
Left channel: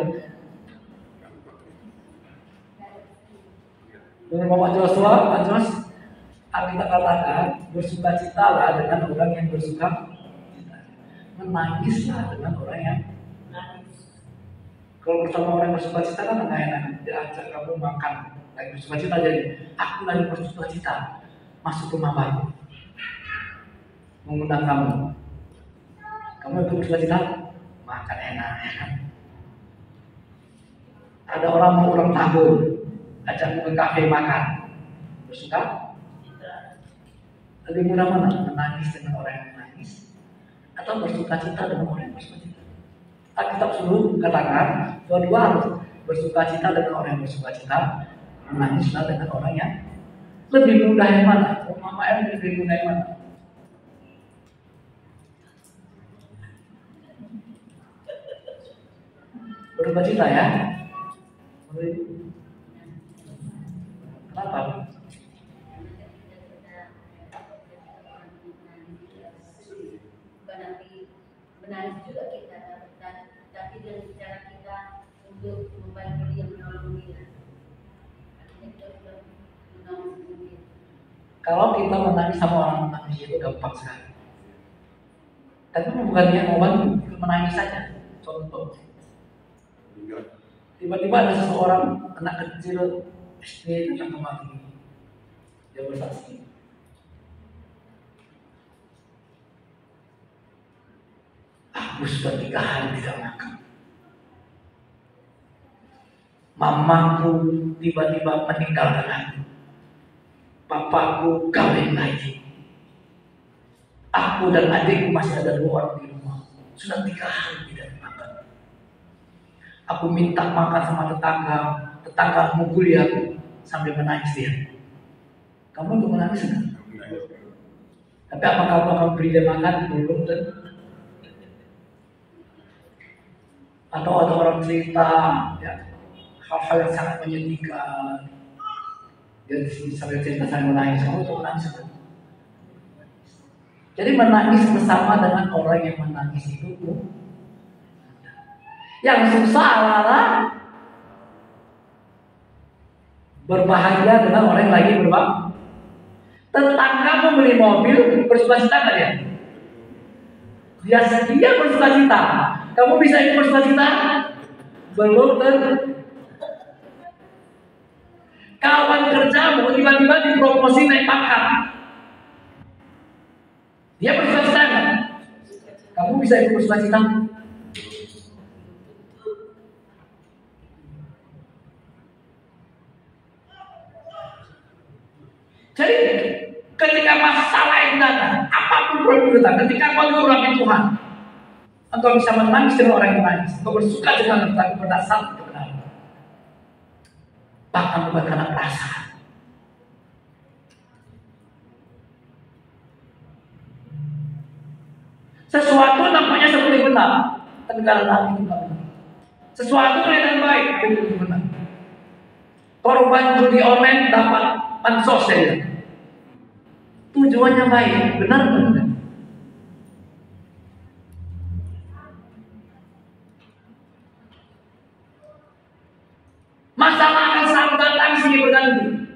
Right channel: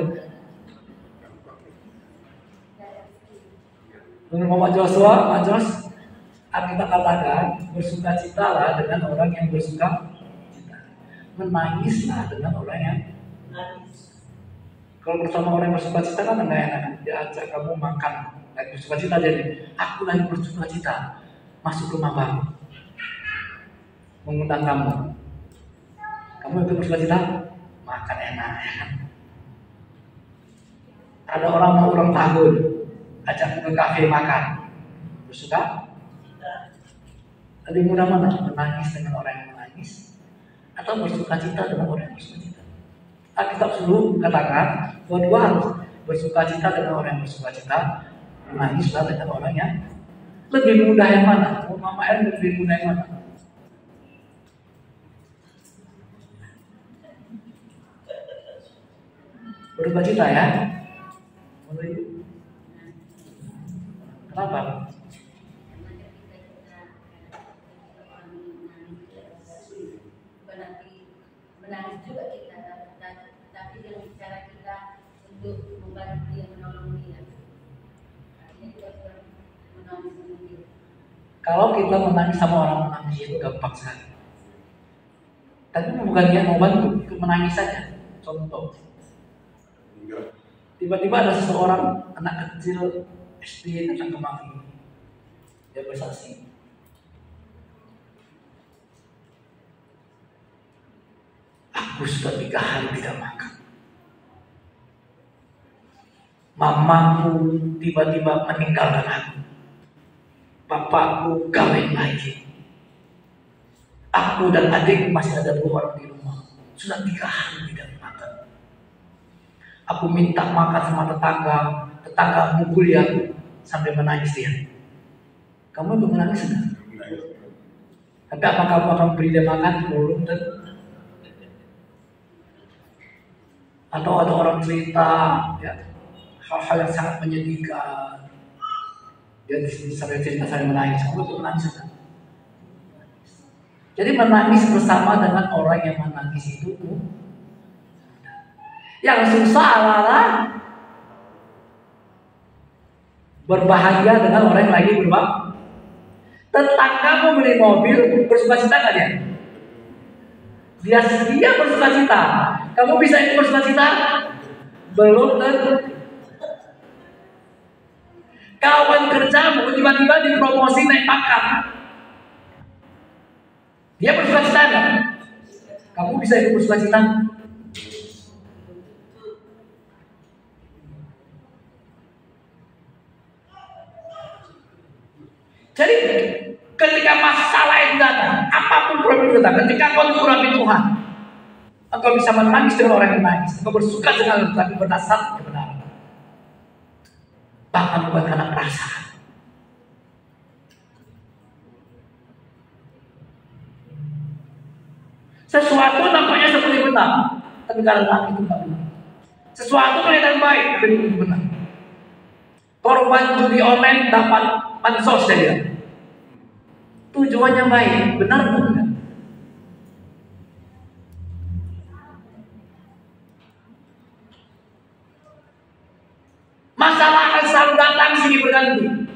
Menurut Bapak Joshua, Pak Jos, kita katakan bersukacitalah dengan orang yang bersukacita, menangislah dengan orang yang menangis. Kalau bersama orang yang bersukacita kan enggak enak, diajak kamu makan, lagi bersukacita jadi aku lagi bersukacita masuk rumah baru, mengundang kamu itu bersukacita makan enak. Ada orang mau ulang tahun, ajak ke kafe makan, bersuka. Lebih mudah mana menangis dengan orang yang menangis atau bersukacita dengan orang yang bersukacita? Alkitab selalu katakan dua-dua harus bersukacita dengan orang yang bersukacita, menangislah dengan orang yang lebih mudah yang mana? Mama yang lebih mudah yang mana? Bersukacita ya? Kenapa? Menangis juga kita, tapi dengan cara kita untuk membantu dia, menolong dia. Artinya kita sudah menolong dia. Kalau kita menangis sama orang menangis itu gampang sekali. Tapi bukan dia mau bantu, ikut menangis saja. Contoh, tiba-tiba ada seseorang anak kecil SD yang mati, dia bersaksi. Aku sudah 3 hari tidak makan. Mamaku tiba-tiba meninggalkan aku. Papaku kawin lagi. Aku dan adikku masih ada 2 orang di rumah. Sudah 3 hari tidak makan. Aku minta makan sama tetangga mukul aku. sambil menangis dia. Kamu ikut menangis enggak? Tapi apa kamu akan beri dia makan belum? Atau ada orang cerita ya, hal-hal yang sangat menyedihkan, dia sambil cerita sambil menangis, kamu ikut menangis enggak? Jadi menangis bersama dengan orang yang menangis itu yang susah adalah berbahagia dengan orang yang lagi berbahagia. Tetanggamu beli mobil, bersukacita nggak dia? Dia bersukacita. Kamu bisa ikut bersukacita? Belum tentu. Kawan kerjamu tiba-tiba dipromosi naik pangkat. Dia bersukacita nggak? Kamu bisa ikut bersukacita? Jadi ketika masalah itu datang, apapun problem itu datang, ketika kau mengurapi Tuhan, engkau bisa menangis dengan orang yang menangis, engkau bersuka dengan tapi berdasar kebenaran, bahkan bukan karena perasaan. Sesuatu nampaknya seperti benar, tapi karena itu tidak benar. Sesuatu kelihatan baik, tapi itu benar. Korban judi online dapat bansos saja. Tujuannya baik, benar benar. Masalah akan selalu datang silih berganti.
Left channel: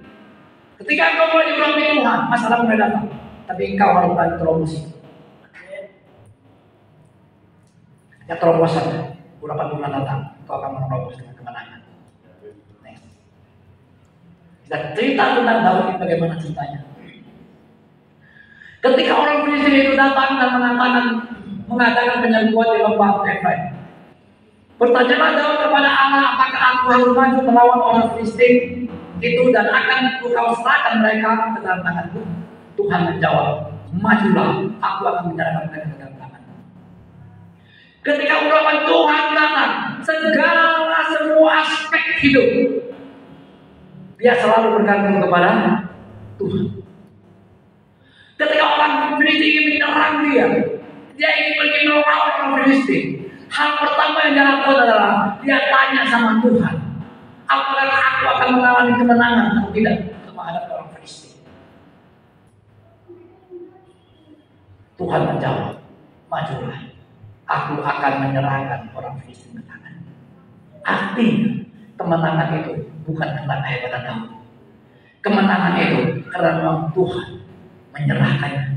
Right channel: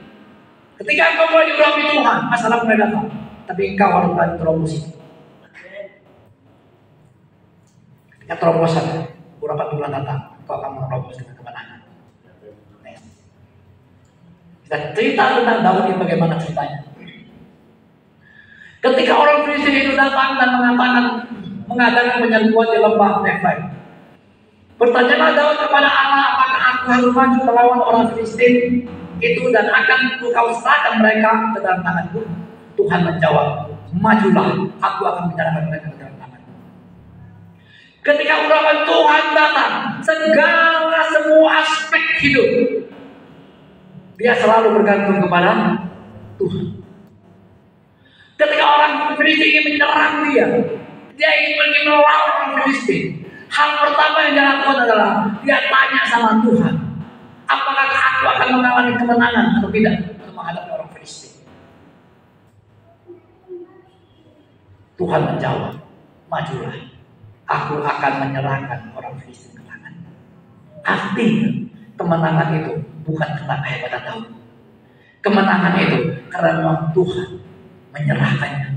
Ketika engkau mulai diurapi Tuhan, masalah mulai datang. Tapi engkau harus berani terobosi. Ketika terobosan, urapan Tuhan datang, engkau akan menerobos dengan kemenangan. Kita cerita tentang Daud ini bagaimana ceritanya. Ketika orang Filistin itu datang dan mengadakan penyerbuan di lembah Efraim, bertanyalah Daud kepada Allah, apakah aku harus maju melawan orang Filistin itu dan akan kau serahkan mereka ke dalam tanganku? Tuhan menjawab, majulah, aku akan menyerahkan mereka ke dalam tanganmu. Ketika urapan Tuhan datang, semua aspek hidup dia selalu bergantung kepada Tuhan. Ketika orang Filistin ingin menyerang dia ingin pergi melawan orang Filistin. Hal pertama yang dia lakukan adalah dia tanya sama Tuhan, apakah aku akan mengalami kemenangan atau tidak untuk menghadapi orang Filistin? Tuhan menjawab, majulah, aku akan menyerahkan orang Filistin ke tangan. Artinya kemenangan itu bukan karena kehebatan Daud. Kemenangan itu karena Tuhan menyerahkannya.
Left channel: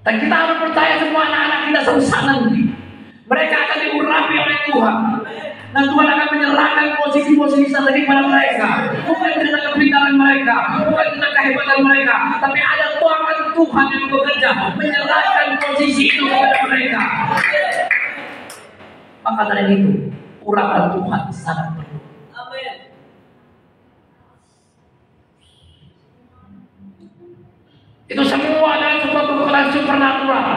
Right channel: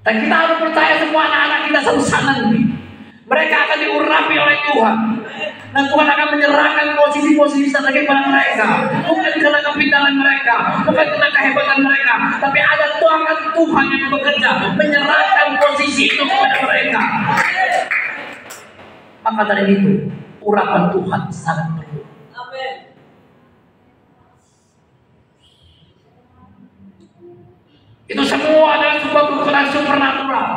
Dan kita harus percaya semua anak-anak kita suatu saat nanti mereka akan diurapi oleh Tuhan. Dan Tuhan akan menyerahkan posisi-posisi strategi pada mereka. Bukan karena kepintaran mereka, bukan karena kehebatan mereka, tapi ada tangan Tuhan yang bekerja menyerahkan posisi itu kepada mereka. Maka dari itu urapan Tuhan sangat perlu. Amin. Itu semua adalah sebuah kekuatan supernatural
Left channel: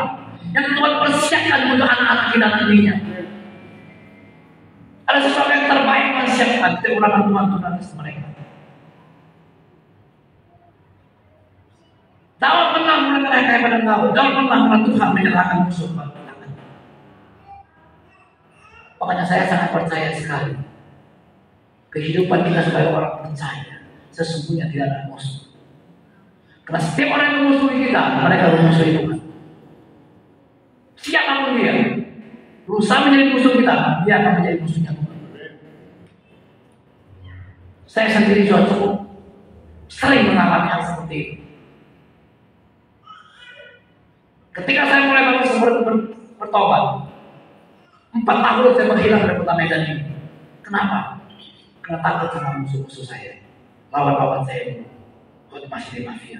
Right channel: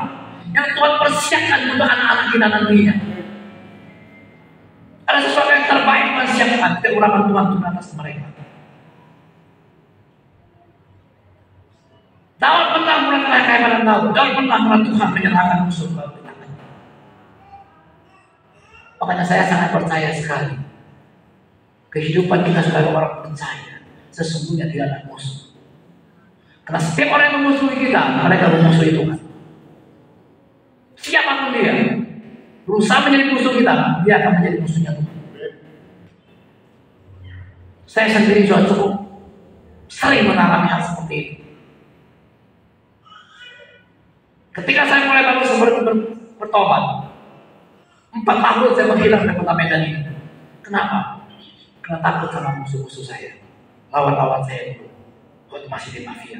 yang Tuhan persiapkan untuk anak-anak kita nantinya. Ada sesuatu yang terbaik Tuhan siapkan ke urapan Tuhan untuk atas mereka. Daud pernah melakukan kepada Daud pernah melakukan Tuhan menyerahkan musuh ke belakang. Makanya saya sangat percaya sekali kehidupan kita sebagai orang percaya sesungguhnya tidak ada musuh. Karena setiap orang yang memusuhi kita, mereka memusuhi Tuhan. Siapapun dia berusaha menjadi musuh kita, dia akan menjadi musuhnya Tuhan. Saya sendiri sudah cukup sering mengalami hal seperti itu. Ketika saya mulai bertobat, 4 tahun saya menghilang dari kota Medan ini. Kenapa? Karena takut sama musuh-musuh saya, lawan-lawan saya dulu waktu masih di mafia.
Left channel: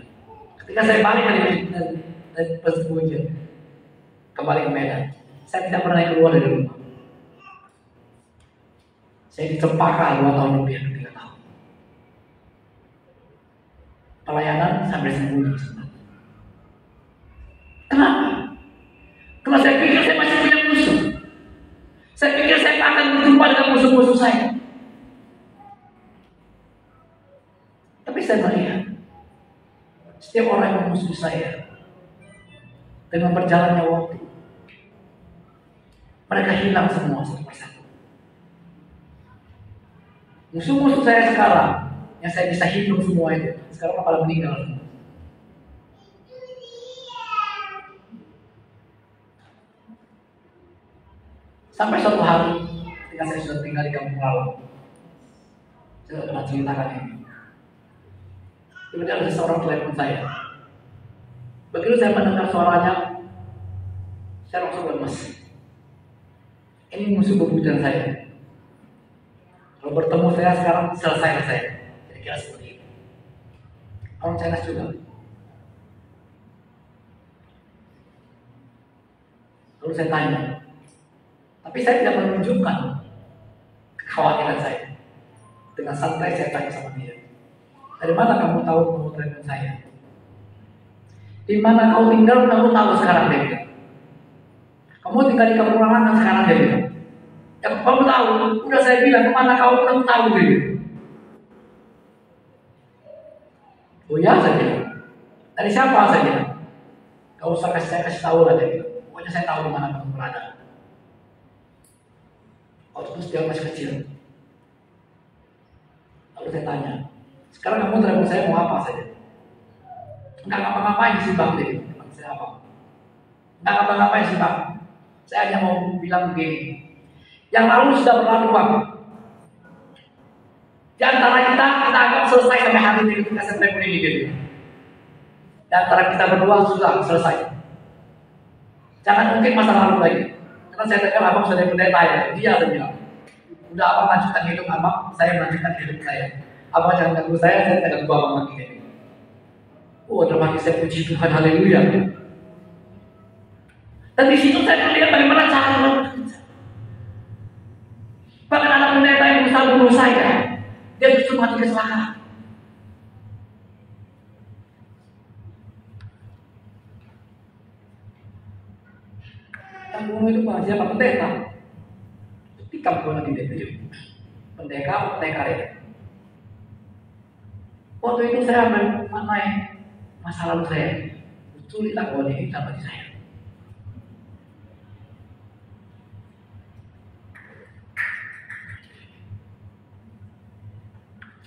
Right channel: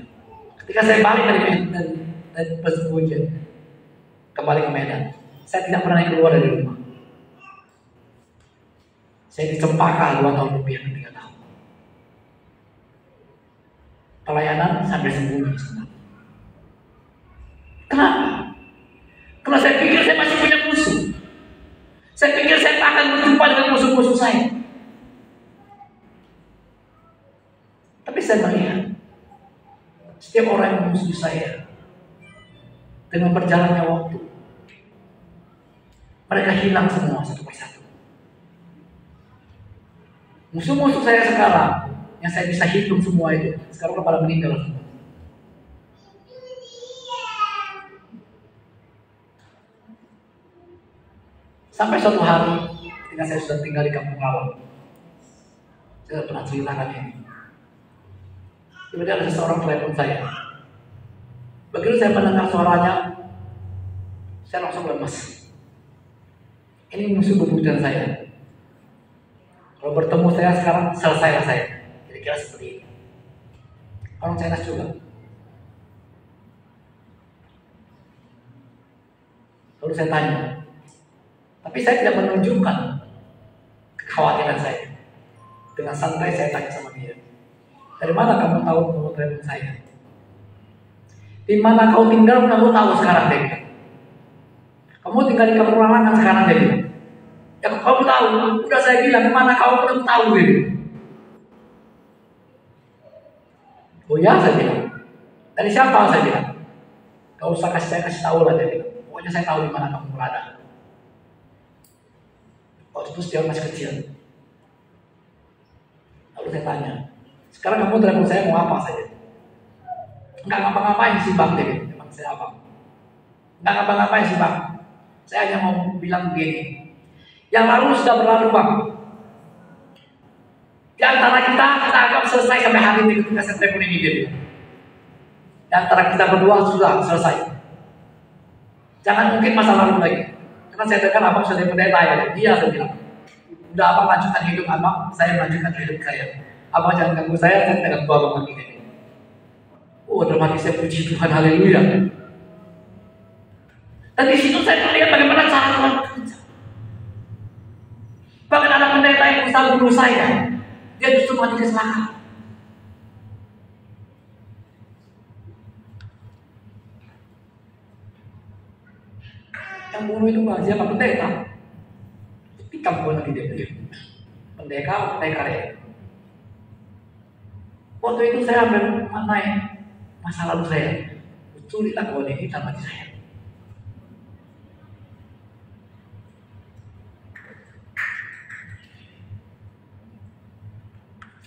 Ketika saya balik dari persekutuan, kembali ke Medan, saya tidak pernah keluar dari rumah. Saya di Cempaka 2 tahun lebih, 3 tahun. Pelayanan sambil sembunyi sebenarnya. Kenapa? Karena saya pikir saya masih punya musuh. Saya pikir saya akan berjumpa dengan musuh-musuh saya. Tapi saya melihat setiap orang yang memusuhi saya, dengan berjalannya waktu, mereka hilang semua satu persatu. Musuh-musuh saya sekarang, yang saya bisa hitung semua itu, sekarang pada meninggal semua. Sampai suatu hari, ketika saya sudah tinggal di kampung Lalang, saya pernah ceritakan ini. Kemudian ada seorang telepon saya. Begitu saya mendengar suaranya, saya langsung lemes. Ini musuh bebuyutan saya. Kalau bertemu saya sekarang, selesai saya. Kira-kira seperti ini. Orang China juga. Lalu saya tanya, tapi saya tidak menunjukkan kekhawatiran saya. Dengan santai saya tanya sama dia, dari mana kamu tahu nomor telepon saya? Di mana kau tinggal kamu tahu sekarang, dia bilang. Kamu tinggal di kampung Lalangan sekarang, dia bilang. Ya kamu tahu, udah saya bilang kemana kau belum tahu, dia bilang. Oh ya, saya bilang. Dari siapa, saya bilang. Gak usah saya kasih tahu lah, dia bilang. Pokoknya saya tahu di mana kamu berada. Waktu itu dia masih kecil. Lalu saya tanya, sekarang kamu telepon saya mau apa saja? Enggak ngapa-ngapain sih bang, dia bilang. Saya apa? Enggak ngapa-ngapain sih bang. Saya hanya mau bilang begini. Yang lalu sudah berlalu bang. Di antara kita anggap selesai sampai hari ini ketika saya telepon ini dia. Di antara kita berdua sudah selesai. Jangan mungkin masa lalu lagi. Karena saya dengar abang sudah pendeta ya. Dia sudah bilang, udah abang lanjutkan hidup abang, saya melanjutkan hidup saya. Abang jangan ganggu saya ganggu abang lagi. Oh, dalam hati saya puji Tuhan, haleluya. Dan di situ saya melihat bagaimana cara Allah bekerja. Bahkan ada pendeta yang bisa bunuh saya, dia justru mati kecelakaan. Yang bunuh itu bukan siapa, pendeta. Tapi kampungan di DPD. Pendeta ya. Waktu itu saya ambil masa lalu saya. Betul dilakukan ini tanpa saya.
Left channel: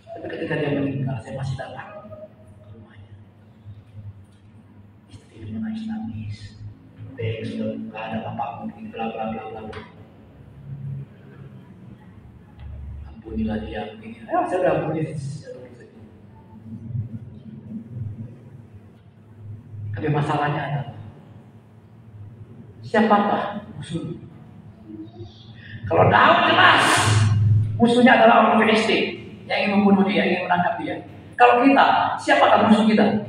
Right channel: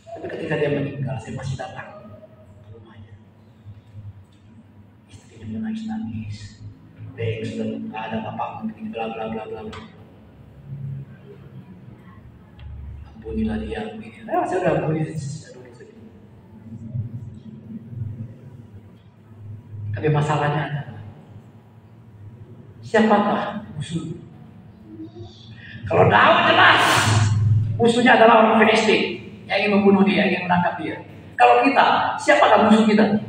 Tapi ketika dia meninggal, saya masih datang ke rumahnya. Istrinya menangis-nangis. Baik, sudah nggak ada bapakmu, begini, bla bla bla bla. Ampunilah dia, begini. Saya udah ampuni. Tapi masalahnya adalah siapakah musuh? Kalau Daud jelas musuhnya adalah orang Filistin yang ingin membunuh dia, yang ingin menangkap dia. Kalau kita, siapakah musuh kita?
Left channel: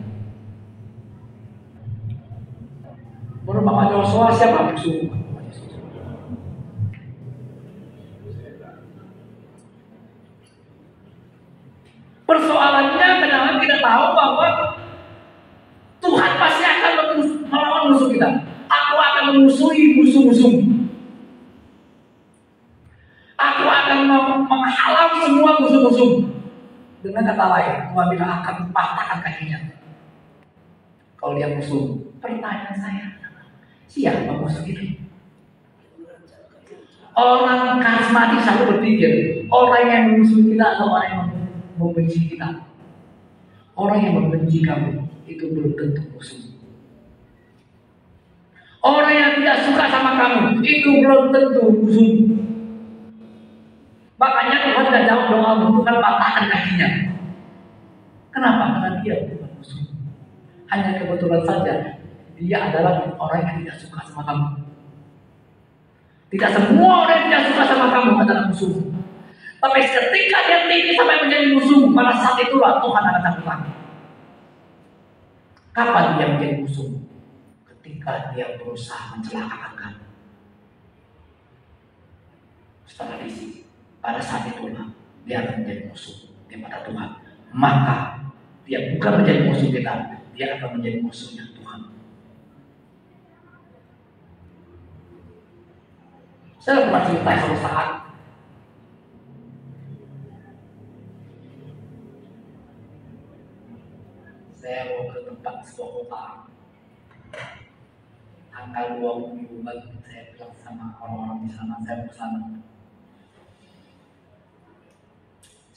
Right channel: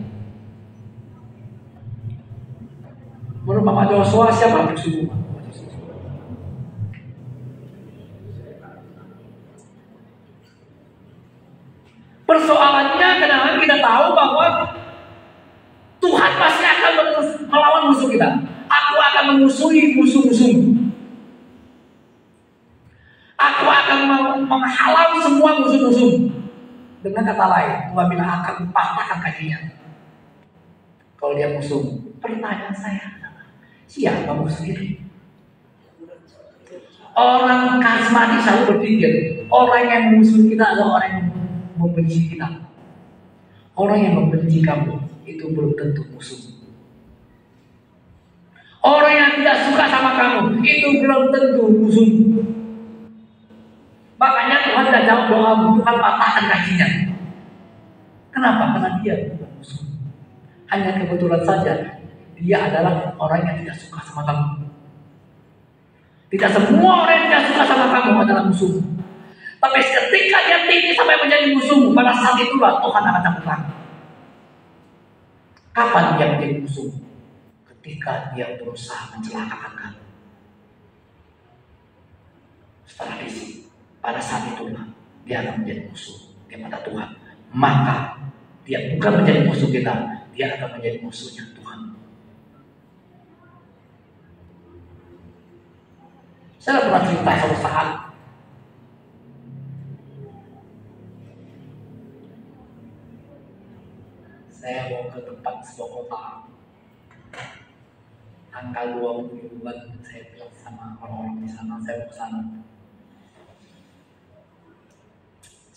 Menurut Bapak Joshua, siapa musuh? Persoalannya kadang-kadang kita tahu bahwa Tuhan pasti akan melawan musuh kita. Aku akan memusuhi musuh-musuh. Aku akan menghalang semua musuh-musuh. Dengan kata lain, Tuhan bilang akan patahkan kakinya. Kalau dia musuh, pertanyaan saya adalah, siapa musuh itu? Orang karismatik selalu berpikir, orang yang memusuhi kita adalah orang yang membenci kita. Orang yang membenci kamu itu belum tentu musuh. Orang yang tidak suka sama kamu itu belum tentu musuh. Makanya Tuhan tidak jawab doamu, Tuhan patahkan kakinya. Kenapa? Karena dia bukan musuh. Hanya kebetulan saja dia adalah orang yang tidak suka sama kamu. Tidak semua orang yang tidak suka sama kamu adalah musuh. Tapi ketika dia tinggi sampai menjadi musuh, pada saat itulah Tuhan akan cabut lagi. Kapan dia menjadi musuh? Ketika dia berusaha mencelakakan kamu. Setelah isi, pada saat itulah dia akan menjadi musuh kepada Tuhan. Maka dia bukan menjadi musuh kita, dia akan menjadi musuhnya Tuhan. Saya pernah cerita suatu saat sebuah kota. Tanggal 20 bulan saya bilang sama orang-orang di sana, saya mau ke sana.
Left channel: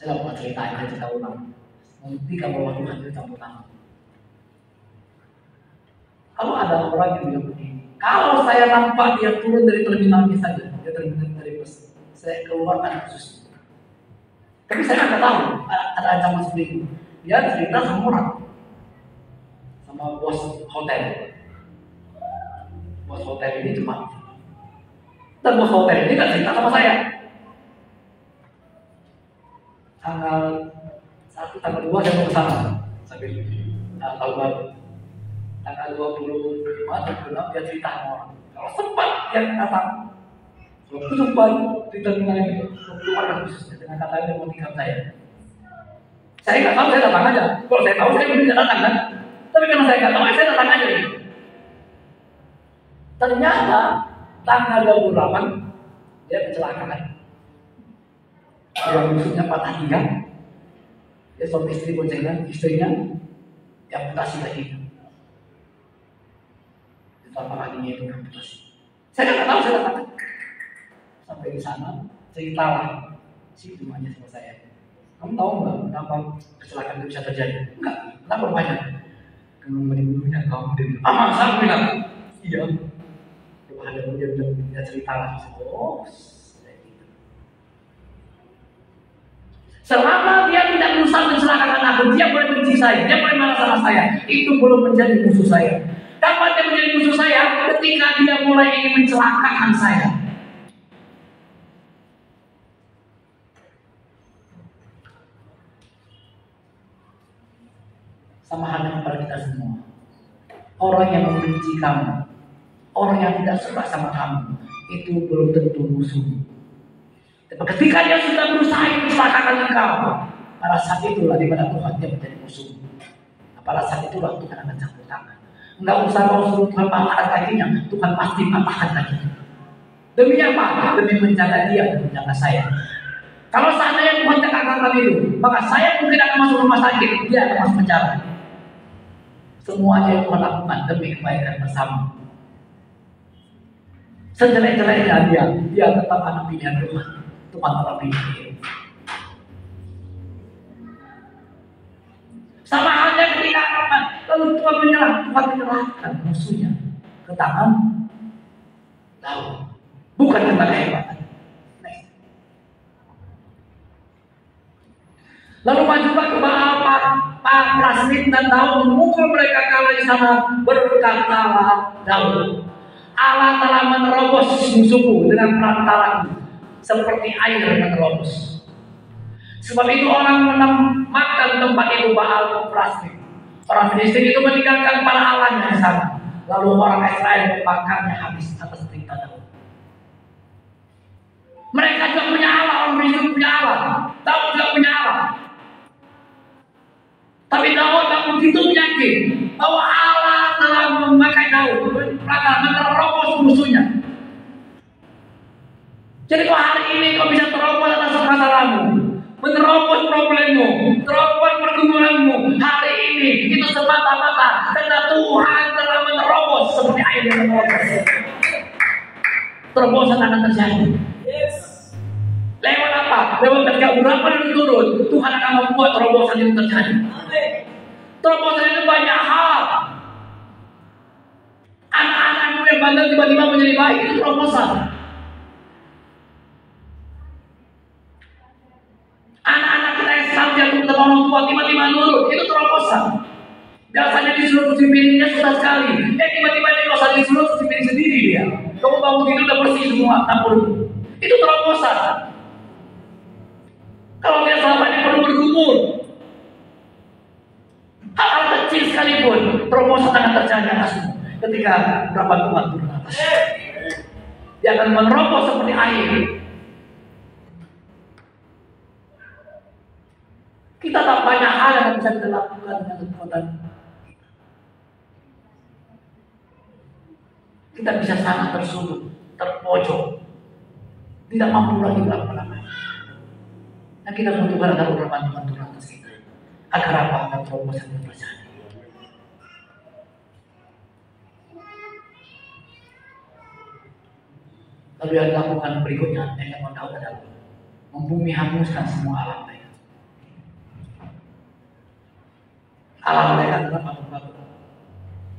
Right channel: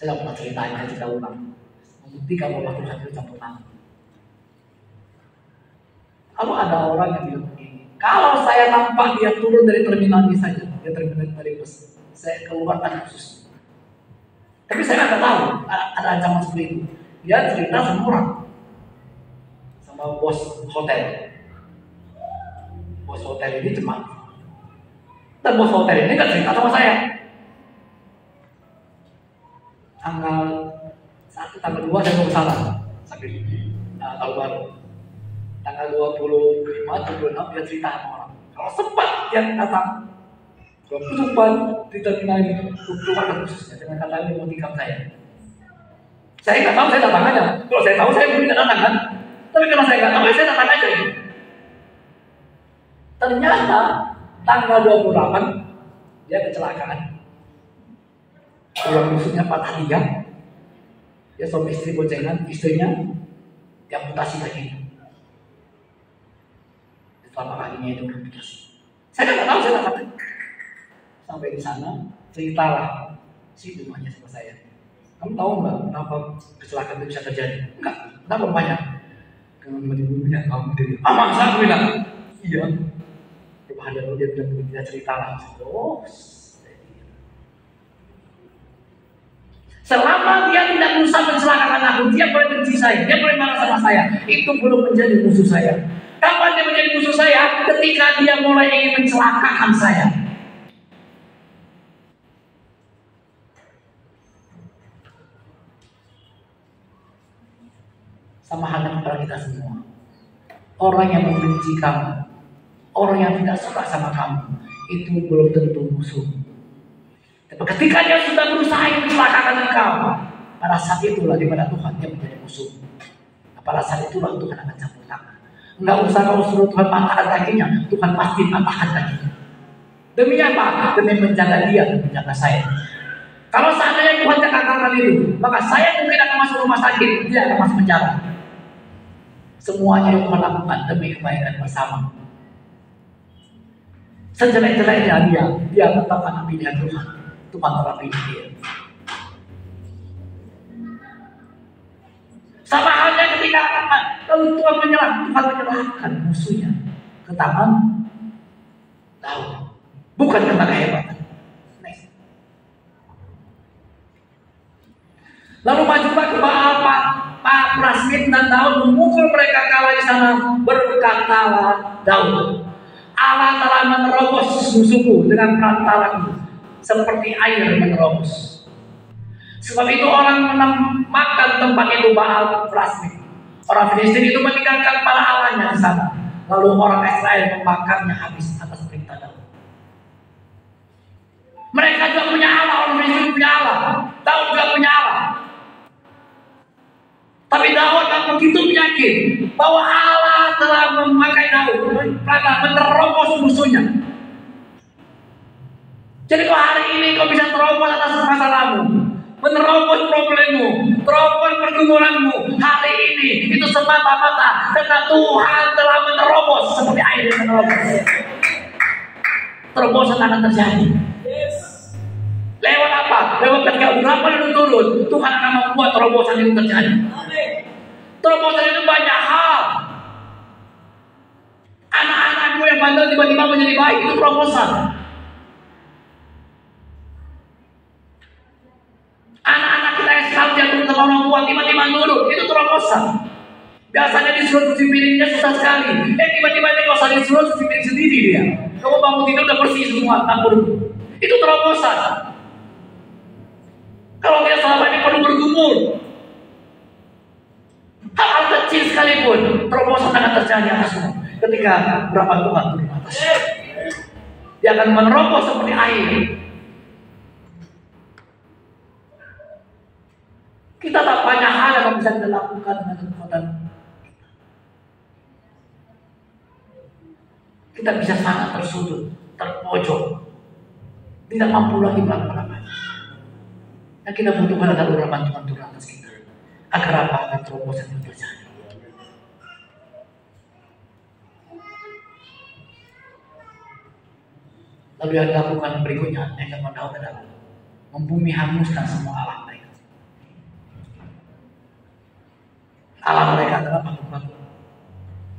Saya nggak pernah ceritain, saya cerita ulang. Nanti kalau Tuhan itu campur tangan. Kalau ada orang yang bilang begini, kalau saya nampak dia turun dari terminal ini saja, dia terminal dari bus, saya keluarkan khusus. Tapi saya nggak tahu ada ancaman seperti itu. Dia cerita sama orang, sama bos hotel. Bos hotel ini cepat. Dan bos hotel ini nggak cerita sama saya. Tanggal 1, tanggal 2 saya ke sana sambil tahun baru. Tanggal 25, 26 dia cerita sama orang. Kalau sempat dia datang, kalau sempat di terminal ini, keluarga khususnya dengan kata dia mau tikam saya. Saya nggak tahu, saya datang aja. Kalau saya tahu saya mungkin nggak datang kan. Tapi kalau saya nggak tahu, saya datang aja. Ternyata tanggal 28 dia kecelakaan. Orang musuhnya patah tiga, dia suami istri boncengan, istrinya diamputasi kakinya. Telapak kakinya itu diamputasi. Saya nggak tahu, saya datang. Sampai di sana, ceritalah si rumahnya sama saya. Kamu tahu nggak kenapa kecelakaan itu bisa terjadi? Enggak, kenapa banyak? Karena menimbulnya kamu dari masa aku bilang, iya. Coba dia bilang dia ceritalah. Oh. Selama dia tidak berusaha mencelakakan aku, dia boleh benci saya, dia boleh marah sama saya. Itu belum menjadi musuh saya. Kapan dia menjadi musuh saya? Ketika dia mulai ingin mencelakakan saya. Sama halnya kepada kita semua. Orang yang membenci kamu, orang yang tidak suka sama kamu, itu belum tentu musuh. Tapi ketika dia sudah berusaha mencelakakan engkau, pada saat itulah di mana Tuhan dia menjadi musuh. Pada saat itulah Tuhan akan campur tangan. Enggak usah kau suruh Tuhan patahkan kakinya, Tuhan pasti patahkan kakinya. Demi apa? Demi menjaga dia, menjaga saya. Kalau seandainya Tuhan katakan itu, maka saya mungkin akan masuk rumah sakit, dia akan masuk penjara. Semuanya yang Tuhan lakukan demi kebaikan bersama. Sejelek-jeleknya dia tetap anak pilihan Tuhan. Tuhan telah pilih dia. Sama halnya ketika kalau Tuhan menyerahkan musuhnya ke tangan Daud, bukan tentang kehebatan. Lalu majulah ke Baal, Pak Prasmit dan Daud memukul mereka kalah di sana. Berkatalah Daud, Allah telah menerobos musuhku dengan perantaramu, seperti air menerobos. Sebab itu orang menamakan tempat itu Baal Prasmit. Orang Filistin itu meninggalkan para allahnya di sana. Lalu orang Israel membakarnya habis atas perintah Daud. Mereka juga punya Allah, orang Filistin punya Allah. Daud juga punya Allah. Tapi Daud tak begitu yakin bahwa Allah telah memakai Daud menerobos musuhnya. Jadi kalau hari ini kau bisa terobos atas masalahmu, menerobos problemmu, terobos pergumulanmu, hari ini itu semata-mata karena Tuhan telah menerobos seperti air yang menerobos. Terobosan akan terjadi. Lewat apa? Lewat ketika urapan itu turun, Tuhan akan membuat terobosan itu terjadi. Terobosan itu banyak hal. Anak-anakmu yang bandel tiba-tiba menjadi baik, itu terobosan. Anak-anak kita yang sekarang jatuh ke orang tua tiba-tiba nurut, itu terobosan. Biasanya disuruh cuci piringnya susah sekali. Tiba-tiba dia nggak usah disuruh cuci piring sendiri dia. Kamu bangun tidur udah bersih semua dapur. Itu terobosan. Kalau dia selama ini perlu bergumul, hal kecil sekalipun terobosan akan terjadi atasmu. Ketika berapa Tuhan turun atas, dia akan menerobos seperti air. Kita tak banyak hal yang bisa kita lakukan dengan kekuatan. Kita bisa sangat tersudut, terpojok, tidak mampu lagi melakukan apa. Yang kita butuhkan adalah urapan Tuhan turun atas kita. Agar apa? Agar terobosan itu terjadi. Lalu yang dilakukan berikutnya, yang kamu tahu adalah membumi hanguskan semua alam mereka. Alam mereka adalah patung-patung.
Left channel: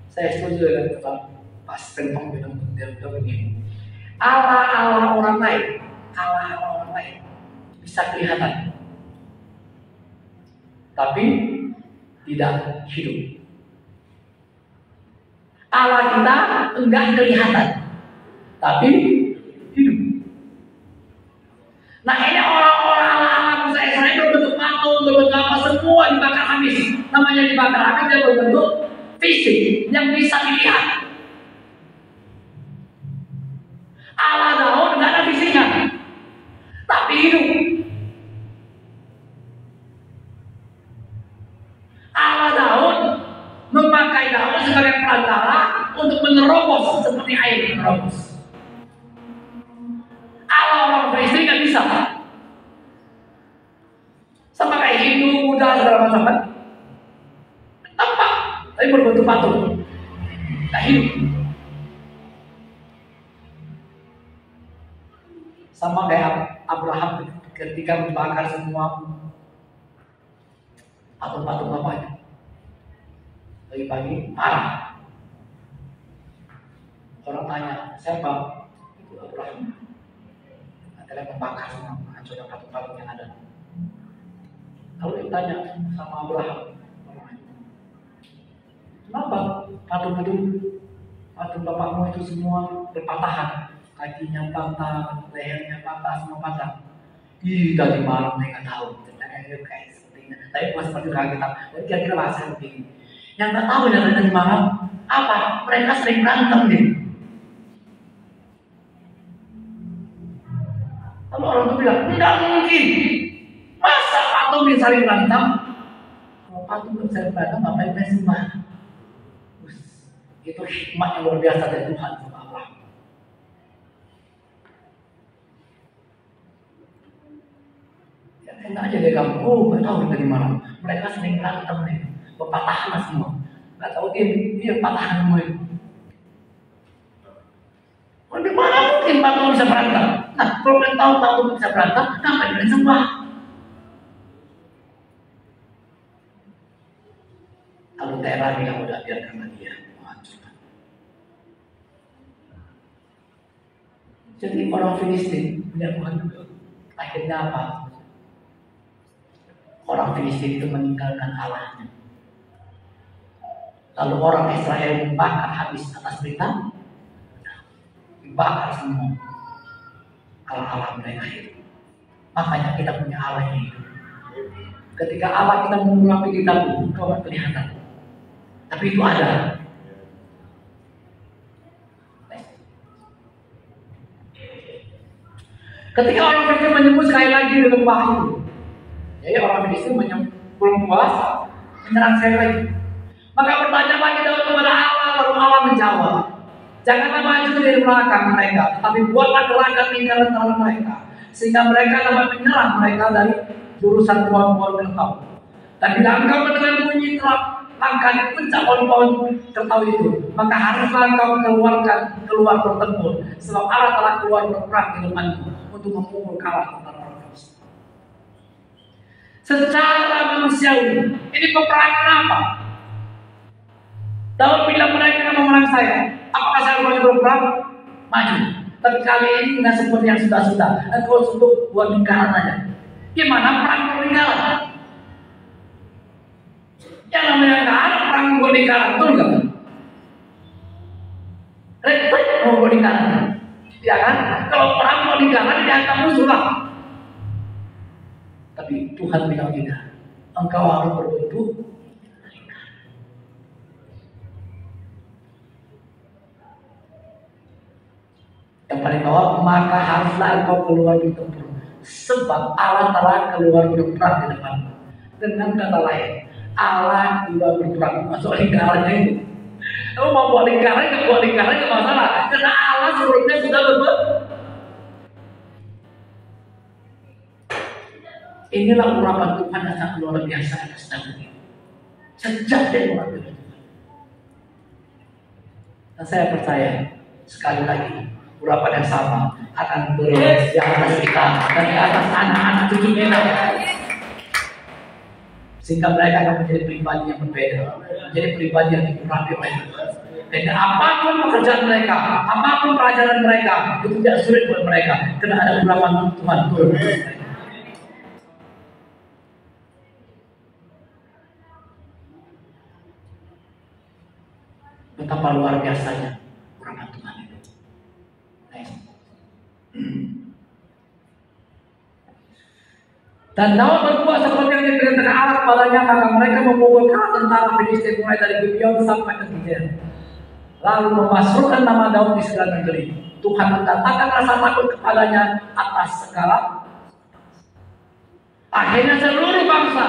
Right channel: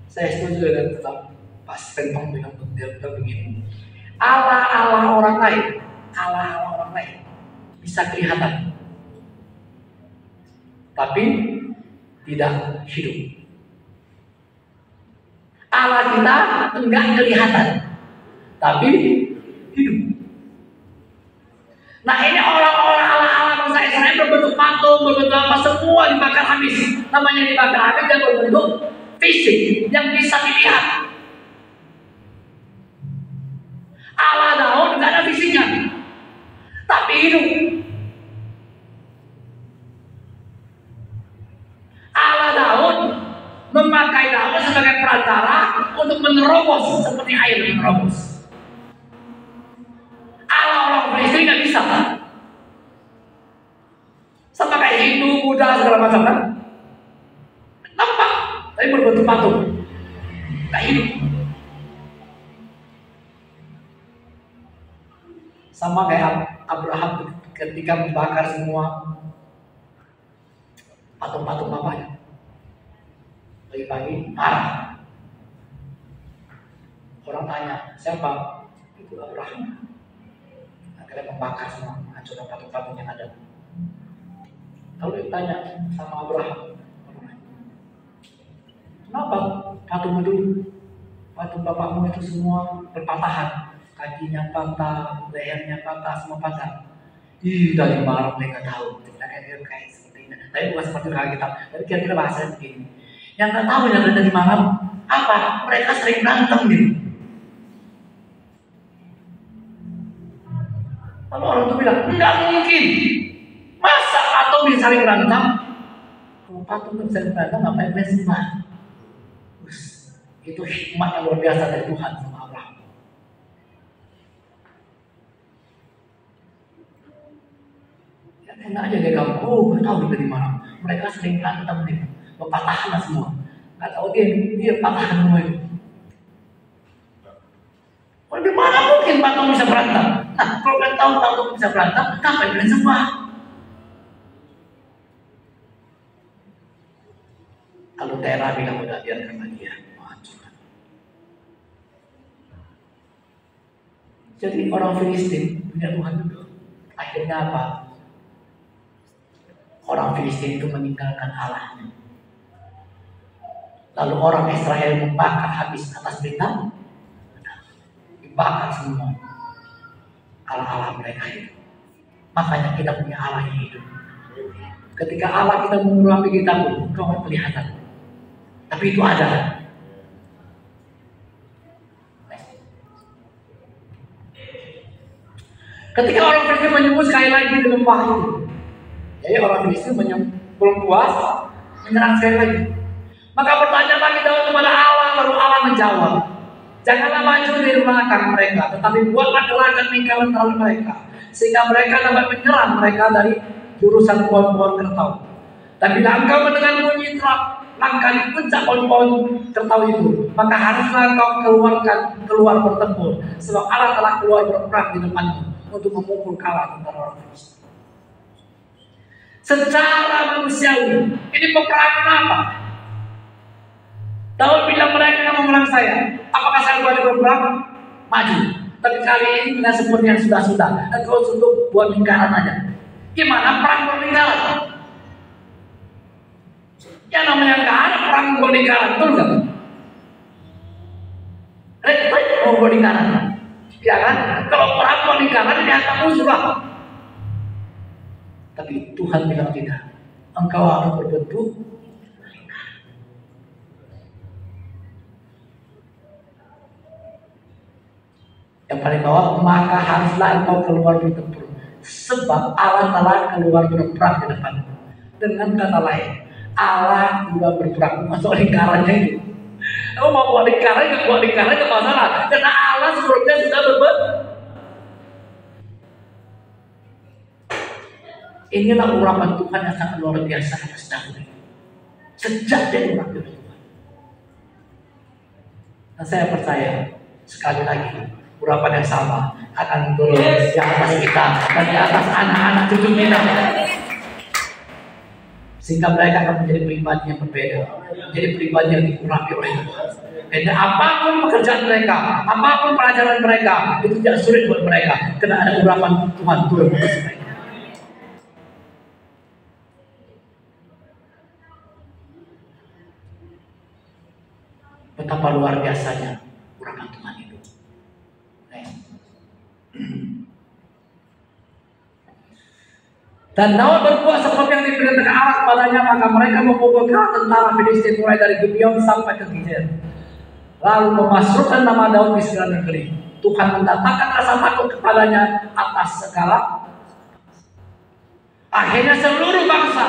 Saya setuju dengan Pak Spentong dengan begini. Allah orang lain bisa kelihatan, tapi tidak hidup. Allah kita enggak kelihatan, tapi hidup. Nah ini orang-orang Allah Musa Israel berbentuk patung, berbentuk apa, semua dibakar habis. Namanya dibakar habis dan berbentuk fisik yang bisa dilihat. Allah Daud nggak ada visinya, tapi hidup. Allah Daud memakai Daud sebagai perantara untuk menerobos seperti air menerobos. Allah orang Filistin nggak bisa, sama kayak Hindu, Buddha segala macam kan, nampak tapi berbentuk patung, nggak hidup. Sama kayak Abraham ketika membakar semua patung-patung bapaknya. Pagi-pagi marah. Orang tanya, siapa? Itu Abraham. Akhirnya membakar semua, hancurkan patung-patung yang ada. Lalu ditanya sama Abraham, kenapa patung bapakmu itu semua berpatahan? Kakinya patah, lehernya patah, semua patah. Dari malam mereka tahu. Kira-kira kayak seperti ini. Tapi bukan seperti orang kita. Tapi kira-kira bahasa begini. Yang nggak tahu yang dari malam apa? Mereka sering berantem nih. Lalu orang itu bilang, nggak mungkin. Masa patung bisa saling berantem? Kalau patung bisa saling berantem, ngapain mereka sembah? Itu hikmah yang luar biasa dari Tuhan. Enak aja dia kamu, gak tahu dari mana. Mereka sering berantem nih, berpatahan semua. Gak tahu dia patahan semua itu. Di mana mungkin patung bisa berantem? Nah, kalau kalian tahu patung bisa berantem, kenapa kalian sembah? Kalau daerah bilang udah biarkan lagi ya, menghancurkan. Jadi orang Filistin punya Tuhan juga. Akhirnya apa? Orang Filistin itu meninggalkan Allahnya. Lalu orang Israel membakar habis atas berita, dibakar semua Allah mereka itu. Makanya kita punya Allah yang hidup. Ketika Allah kita mengulangi kita pun, kau akan kelihatan. Tapi itu ada. Ketika orang Filistin menyebut sekali lagi di lembah itu, jadi orang Filistin belum puas, menyerang sekali lagi. Maka bertanya lagi Daud kepada Allah, lalu Allah menjawab, janganlah maju dari belakang mereka, tetapi buatlah gerakan lingkaran terhadap mereka, sehingga mereka dapat menyerang mereka dari jurusan pohon-pohon kertau. Dan bila engkau mendengar bunyi langkah di puncak pohon-pohon kertau itu, maka haruslah engkau keluar bertempur, sebab Allah telah keluar berperang di depanmu untuk memukul kalah tentara orang Filistin. Secara manusiawi, ini peperangan apa? Daud bilang mereka mau menang saya. Apakah saya boleh berperang? Maju. Tapi kali ini tidak seperti yang sudah-sudah. Engkau untuk buat lingkaran aja. Gimana perang berlingkaran? Yang namanya nggak ada perang berlingkaran, betul nggak? Repot mau berlingkaran, ya kan? Kalau perang berlingkaran dia akan musuh lah. Tapi Tuhan bilang tidak. Engkau harus berbentuk yang paling bawah, maka haruslah engkau keluar bertempur, sebab Allah telah keluar berperang di depanmu. Dengan kata lain, Allah juga berperang. Masuk lingkarannya itu. Kamu mau buat lingkaran, nggak buat lingkaran nggak masalah, karena Allah sebelumnya sudah berbuat. Inilah urapan Tuhan yang sangat luar biasa atas Daud. Sejak dia urapan Tuhan. Dan saya percaya sekali lagi urapan yang sama akan turun di atas kita dan di atas anak-anak cucu kita, sehingga mereka akan menjadi pribadi yang berbeda, menjadi pribadi yang diurapi oleh Tuhan. Dan apapun pekerjaan mereka, apapun pelajaran mereka, itu tidak sulit buat mereka, karena ada urapan Tuhan turun ke mereka. Betapa luar biasanya urapan Tuhan itu. Dan Daud berbuat seperti yang diperintahkan Allah kepadanya, maka mereka memukulkan tentara Filistin mulai dari Gibeon sampai ke Gizer, lalu memasukkan nama Daud di segala negeri. Tuhan mendatangkan rasa takut kepadanya atas segala. Akhirnya seluruh bangsa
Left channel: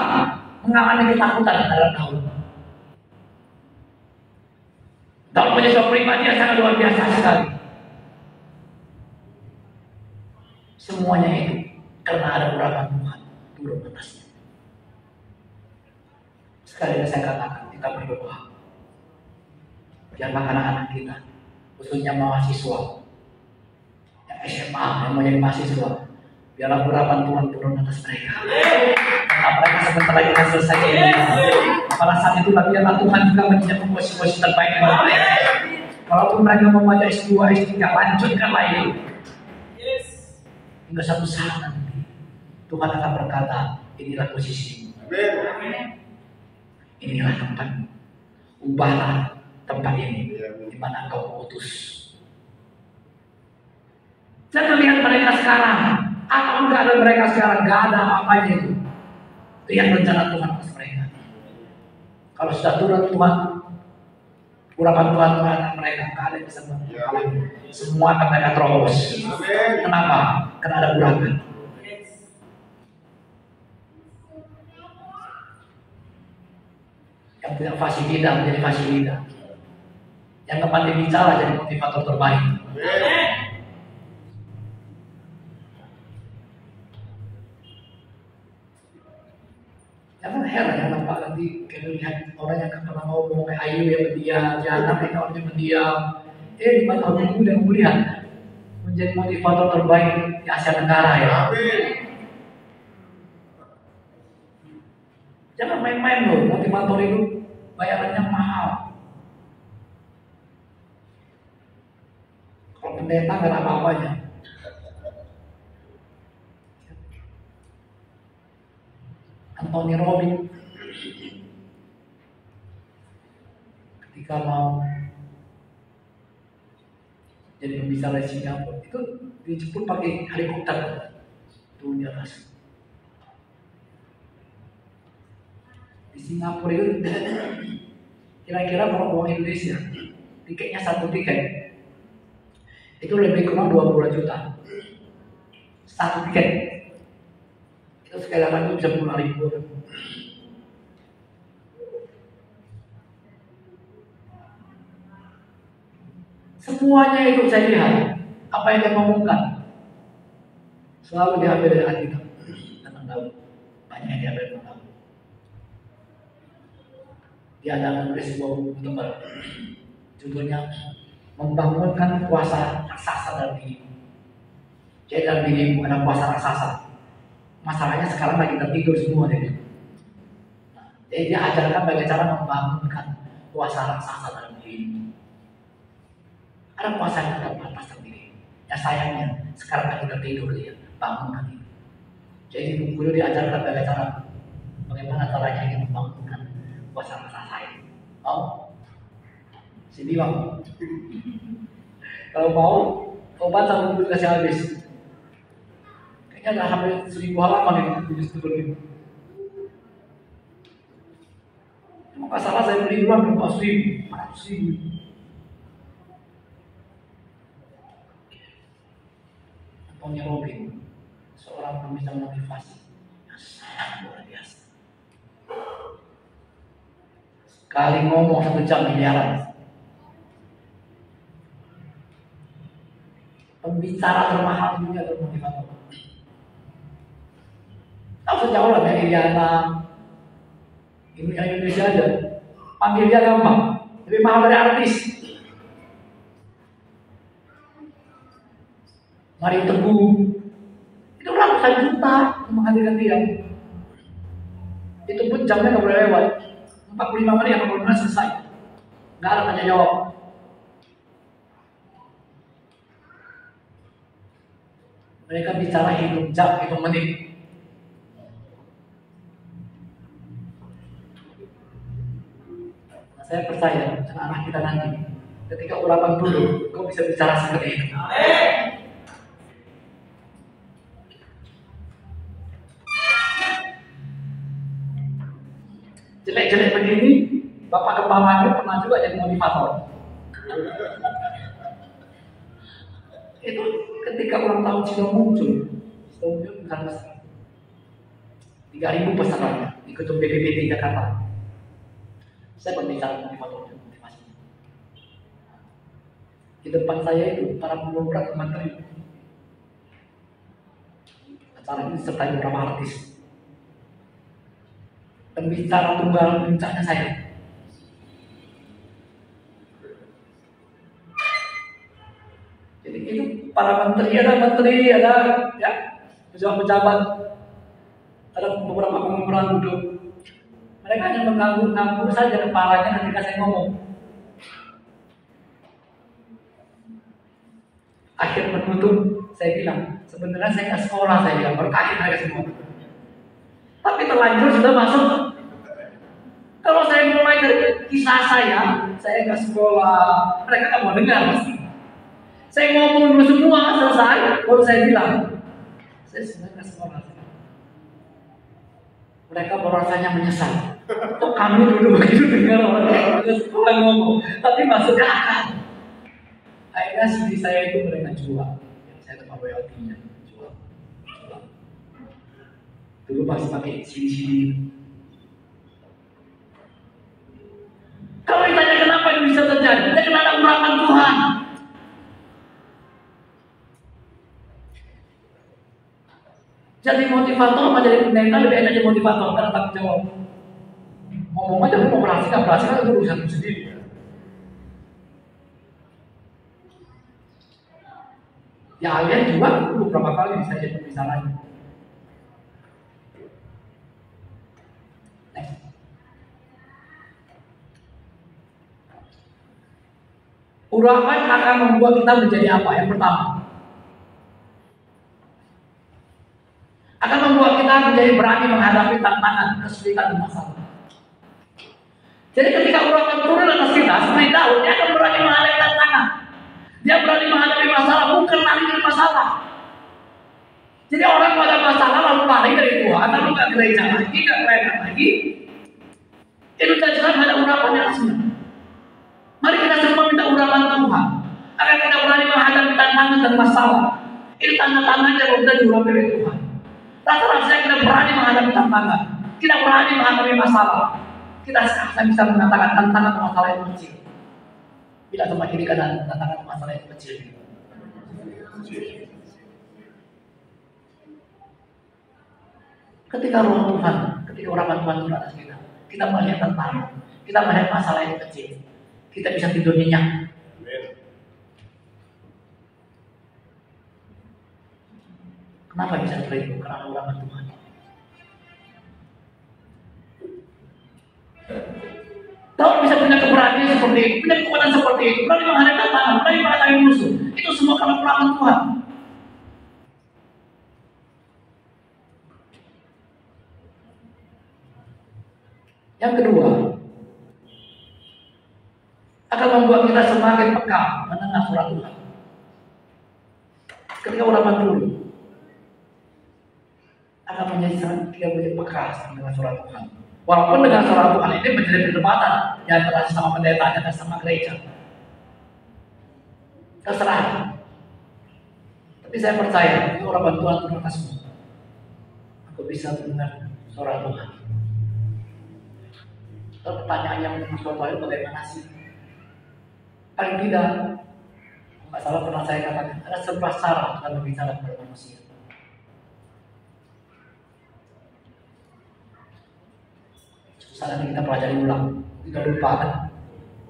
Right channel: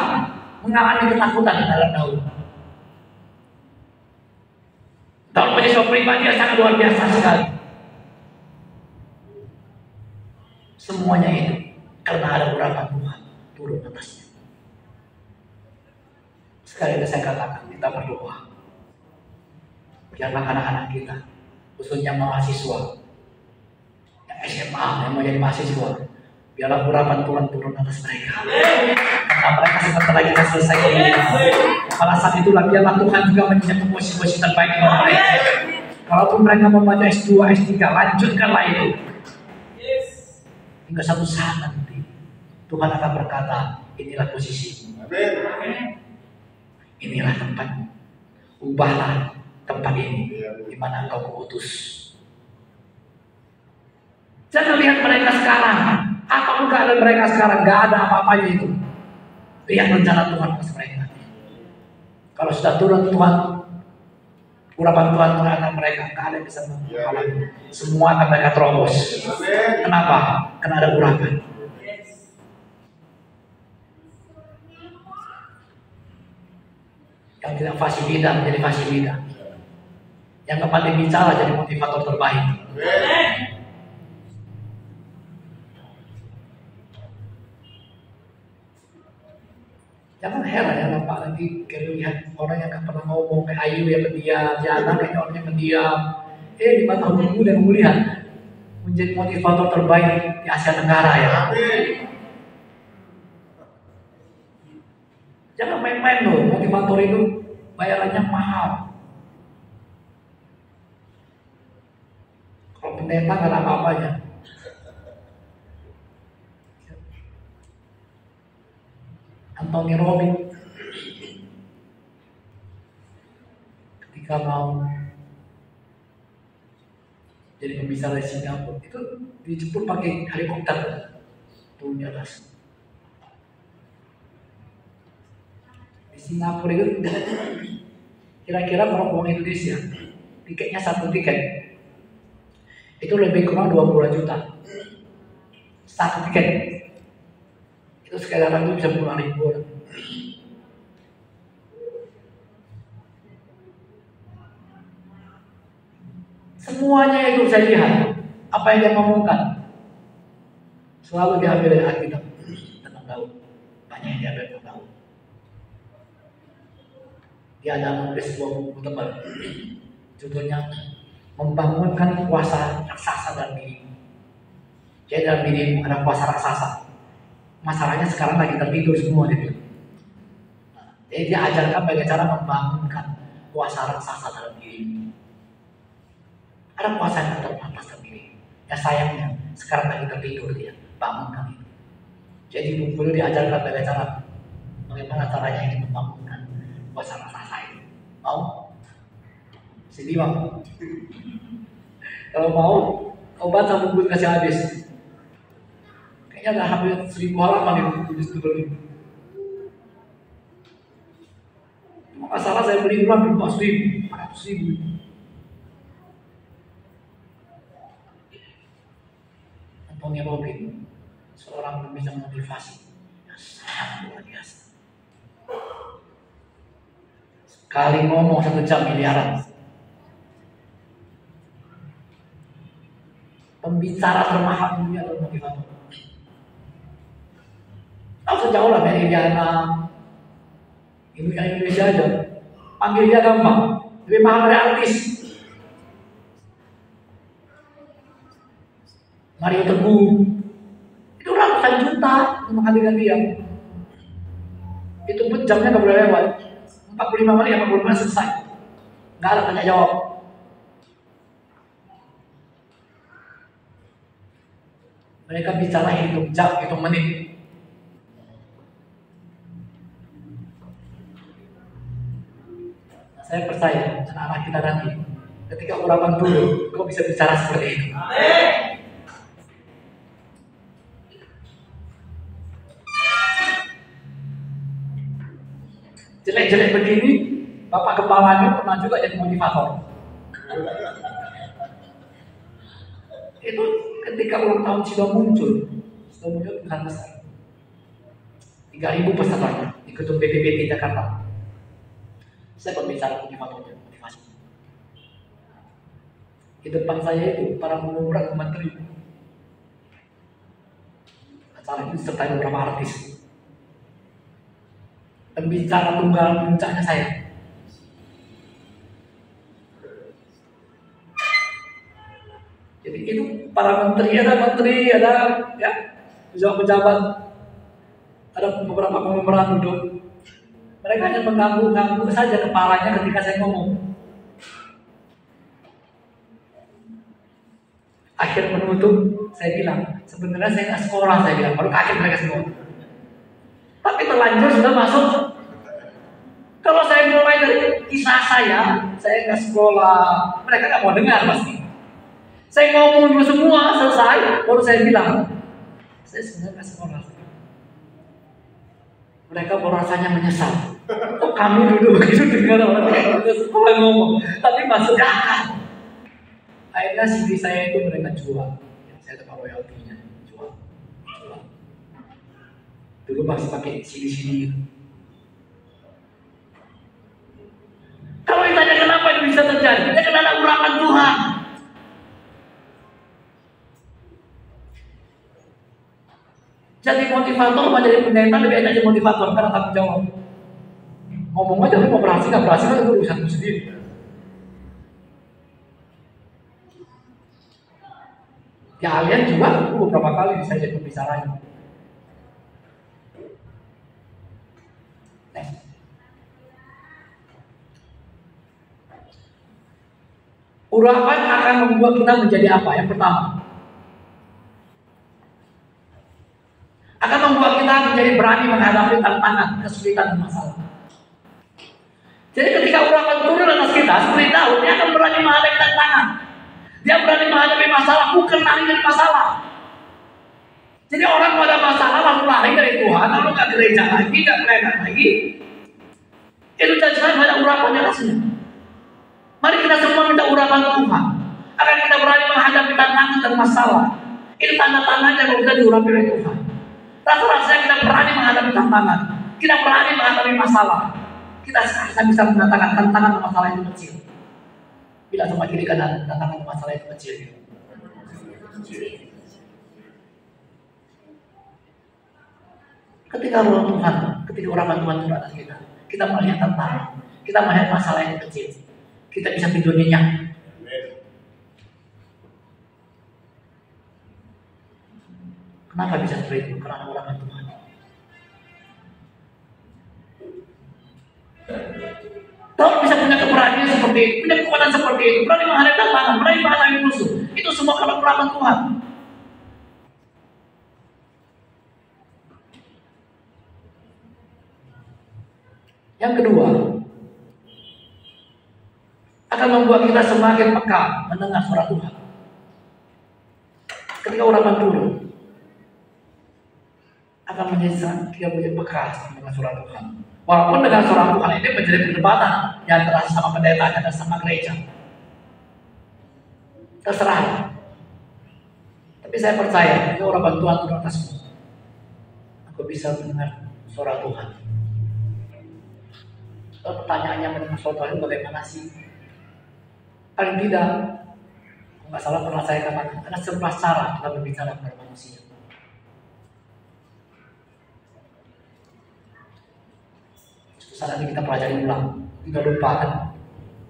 mengalami ketakutan terhadap Daud. Daud punya sebuah pribadi yang sangat luar biasa sekali. Semuanya itu karena ada urapan Tuhan turun atasnya. Sekali lagi saya katakan, kita berdoa biarlah anak-anak kita, khususnya mahasiswa yang SMA, yang mau jadi mahasiswa, biarlah urapan Tuhan turun atas mereka. Karena mereka sebentar lagi akan selesai kuliah. Pada saat itulah biarlah Tuhan juga menyediakan posisi-posisi terbaik buat mereka. Walaupun mereka membaca S2, S3, lanjutkanlah itu. Hingga satu saat nanti Tuhan akan berkata, inilah posisi. Inilah tempatmu. Ubahlah tempat ini di mana engkau kuutus. Jangan lihat mereka sekarang. Apa keadaan mereka sekarang? Gak ada apa-apanya itu. Lihat rencana Tuhan atas mereka. Kalau sudah turun Tuhan, urapan Tuhan terhadap mereka, kalian bisa mengalami semua akan mereka terobos. Kenapa? Karena ada urapan. Yang tidak fasih lidah menjadi fasih lidah. Yang pandai bicara jadi motivator terbaik. Jangan heran ya nampak nanti kalau lihat orang yang gak pernah ngomong kayak Ayu yang pendiam, Jana kayak orang yang pendiam. Di mata umum dan mulia menjadi motivator terbaik di Asia Tenggara ya. Jangan main-main loh, motivator itu bayarannya mahal. Kalau pendeta gak ada apa-apanya. Anthony Robbins ketika mau jadi pembicara di Singapura itu dijemput pakai helikopter turun di atas. Di Singapura itu kira-kira kalau uang Indonesia tiketnya satu tiket itu lebih kurang 20 juta satu tiket. Itu sekali lagi bisa puluhan ribu. Semuanya itu saya lihat apa yang dia ngomongkan selalu diambil dari Alkitab tentang Daud. Banyak yang diambil tentang Daud. Dia ada menulis sebuah buku tebal, judulnya Membangunkan Kuasa Raksasa dalam Dirimu. Jadi dalam dirimu ada kuasa raksasa. Masalahnya sekarang lagi tertidur semua dia bilang. Jadi dia ajarkan bagaimana cara membangunkan kuasa raksasa dalam diri. Ada kuasa yang terbatas dalam diri. Ya sayangnya sekarang lagi tertidur dia, bangunkan itu. Jadi buku itu diajarkan bagaimana caranya ingin membangunkan kuasa raksasa itu. Mau? Sini mau? Kalau mau, kau baca buku kasih habis. Kayaknya ada hampir 1000 halaman yang tulis itu. Maka salah saya beli duluan 400.000. Anthony Robbins, seorang pembicara motivasi yang sangat luar biasa. Sekali ngomong 1 jam miliaran. Pembicara termahal dunia atau motivator. Langsung jauh lah Meridiana, Ibu yang Indonesia aja. Panggil dia gampang, lebih mahal dari artis. Mario Teguh, itu ratusan juta untuk menghadirkan dia. Itu pun jamnya nggak boleh lewat. 45 menit, 45 menit selesai. Nggak ada tanya jawab. Mereka bicara hitung jam, hitung menit. Saya percaya anak-anak kita nanti ketika urapan dulu, kau bisa bicara seperti itu. Jelek-jelek begini, Bapak Kepala pernah juga jadi motivator. Itu ketika ulang tahun sudah muncul bukan besar. 3.000 peserta di gedung BPPT Jakarta. Saya berbicara motivasi. Di depan saya itu para pengobrak menteri. Acara ini serta beberapa artis. Pembicara tunggal puncaknya saya. Jadi itu para menteri, ada ya pejabat-pejabat, ada beberapa pemeran duduk. Mereka hanya mengganggu saja kepalanya ketika saya ngomong. Akhir penutup saya bilang, sebenarnya saya nggak sekolah, saya bilang, baru kaget mereka semua. Tapi terlanjur sudah masuk. Kalau saya mulai dari kisah saya nggak sekolah, mereka nggak mau dengar pasti. Saya ngomong dulu semua selesai, baru saya bilang, saya sebenarnya nggak sekolah. Mereka baru rasanya menyesal. Oh, kami dulu begitu dengar orang-orang sekolah ngomong, tapi masuk akal. Akhirnya CD saya itu mereka jual. Saya dapat royaltinya, jual. Dulu masih pakai CD itu. Kalau ditanya kenapa ini bisa terjadi, kita kena ada urapan Tuhan. Jadi motivator sama jadi pendeta lebih enak jadi motivator karena tanggung jawab. Ngomong aja, mau berhasil nggak berhasil itu urusanmu sendiri. Ya kalian juga beberapa kali saya jadi pembicaranya. Urapan akan membuat kita menjadi apa? Yang pertama, akan membuat kita menjadi berani menghadapi tantangan, kesulitan, dan masalah. Jadi ketika urapan turun atas kita, seperti Daud, dia akan berani menghadapi tantangan. Dia berani menghadapi masalah, bukan lari dari masalah. Jadi orang pada masalah lalu lari dari Tuhan, lalu nggak gereja lagi, nggak pelayanan lagi. Itu jangan ada urapan atasnya. Mari kita semua minta urapan Tuhan, agar kita berani menghadapi tantangan dan masalah. Ini tanda-tanda yang kita diurapi oleh Tuhan. Rasa-rasanya kita berani menghadapi tantangan, kita berani menghadapi masalah. Kita sekarang bisa mengatakan tantangan masalah itu kecil. Bila sama kiri kanan tantangan masalah itu kecil. Ketika roh Tuhan, ketika urapan Tuhan di atas kita melihat tantangan, kita melihat masalah yang kecil, kita bisa tidur nyenyak. Kenapa bisa seperti itu? Karena urapan Tuhan. Kalau bisa punya keberanian seperti itu, punya kekuatan seperti itu, berani menghadapi tantangan, berani menghadapi musuh, itu semua karena urapan Tuhan. Yang kedua, akan membuat kita semakin peka mendengar suara Tuhan. Ketika urapan turun, akan menjadi kita menjadi peka mendengar suara Tuhan. Walaupun dengan suara Tuhan ini menjadi perdebatan yang antara sama pendeta dan sama gereja. Terserah. Tapi saya percaya, ini urapan Tuhan turun atasmu. Aku bisa mendengar suara Tuhan. Lalu pertanyaannya mendengar suara Tuhan itu bagaimana sih? Paling tidak, nggak salah pernah saya katakan, ada 11 cara kita berbicara kepada manusia. Saat ini kita pelajari ulang, tidak lupa kan?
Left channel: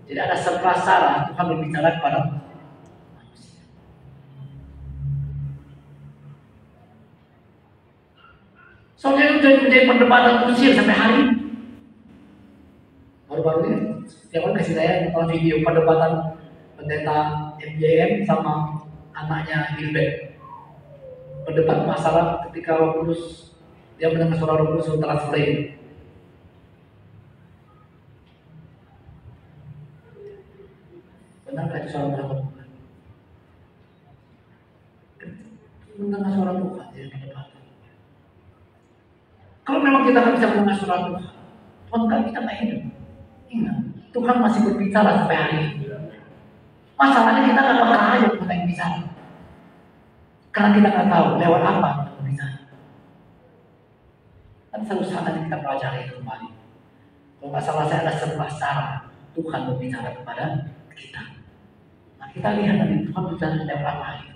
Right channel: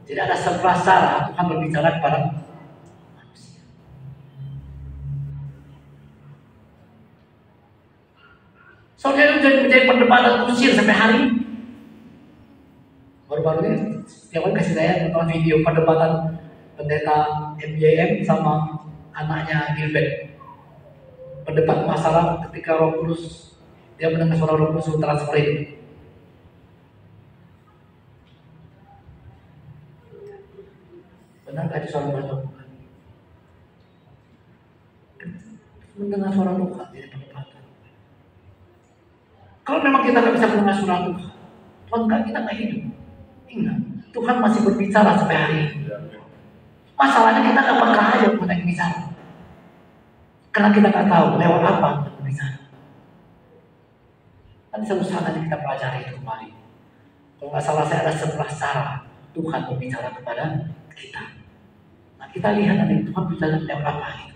Jadi ada 11 cara Tuhan berbicara kepada manusia. Soalnya itu menjadi perdebatan kusir sampai hari ini. Baru-baru ini setiap kali kasih saya nonton video perdebatan pendeta MJM sama anaknya Gilbert. Berdebat masalah ketika Roh Kudus, dia mendengar suara Roh Kudus transfer ini. Benarkah itu suara Tuhan? Mendengar suara Tuhan di perdebatan. Kalau memang kita nggak bisa mendengar suara Tuhan, Tuhan kita nggak hidup. Ingat, Tuhan masih berbicara sampai hari ini. Masalahnya kita nggak pernah aja Tuhan yang bicara. Karena kita nggak tahu lewat apa Tuhan berbicara. Tapi satu saat nanti kita pelajari itu kembali. Kalau nggak salah saya ada 11 cara Tuhan berbicara kepada kita. Nah kita lihat nanti Tuhan bicara lewat apa itu.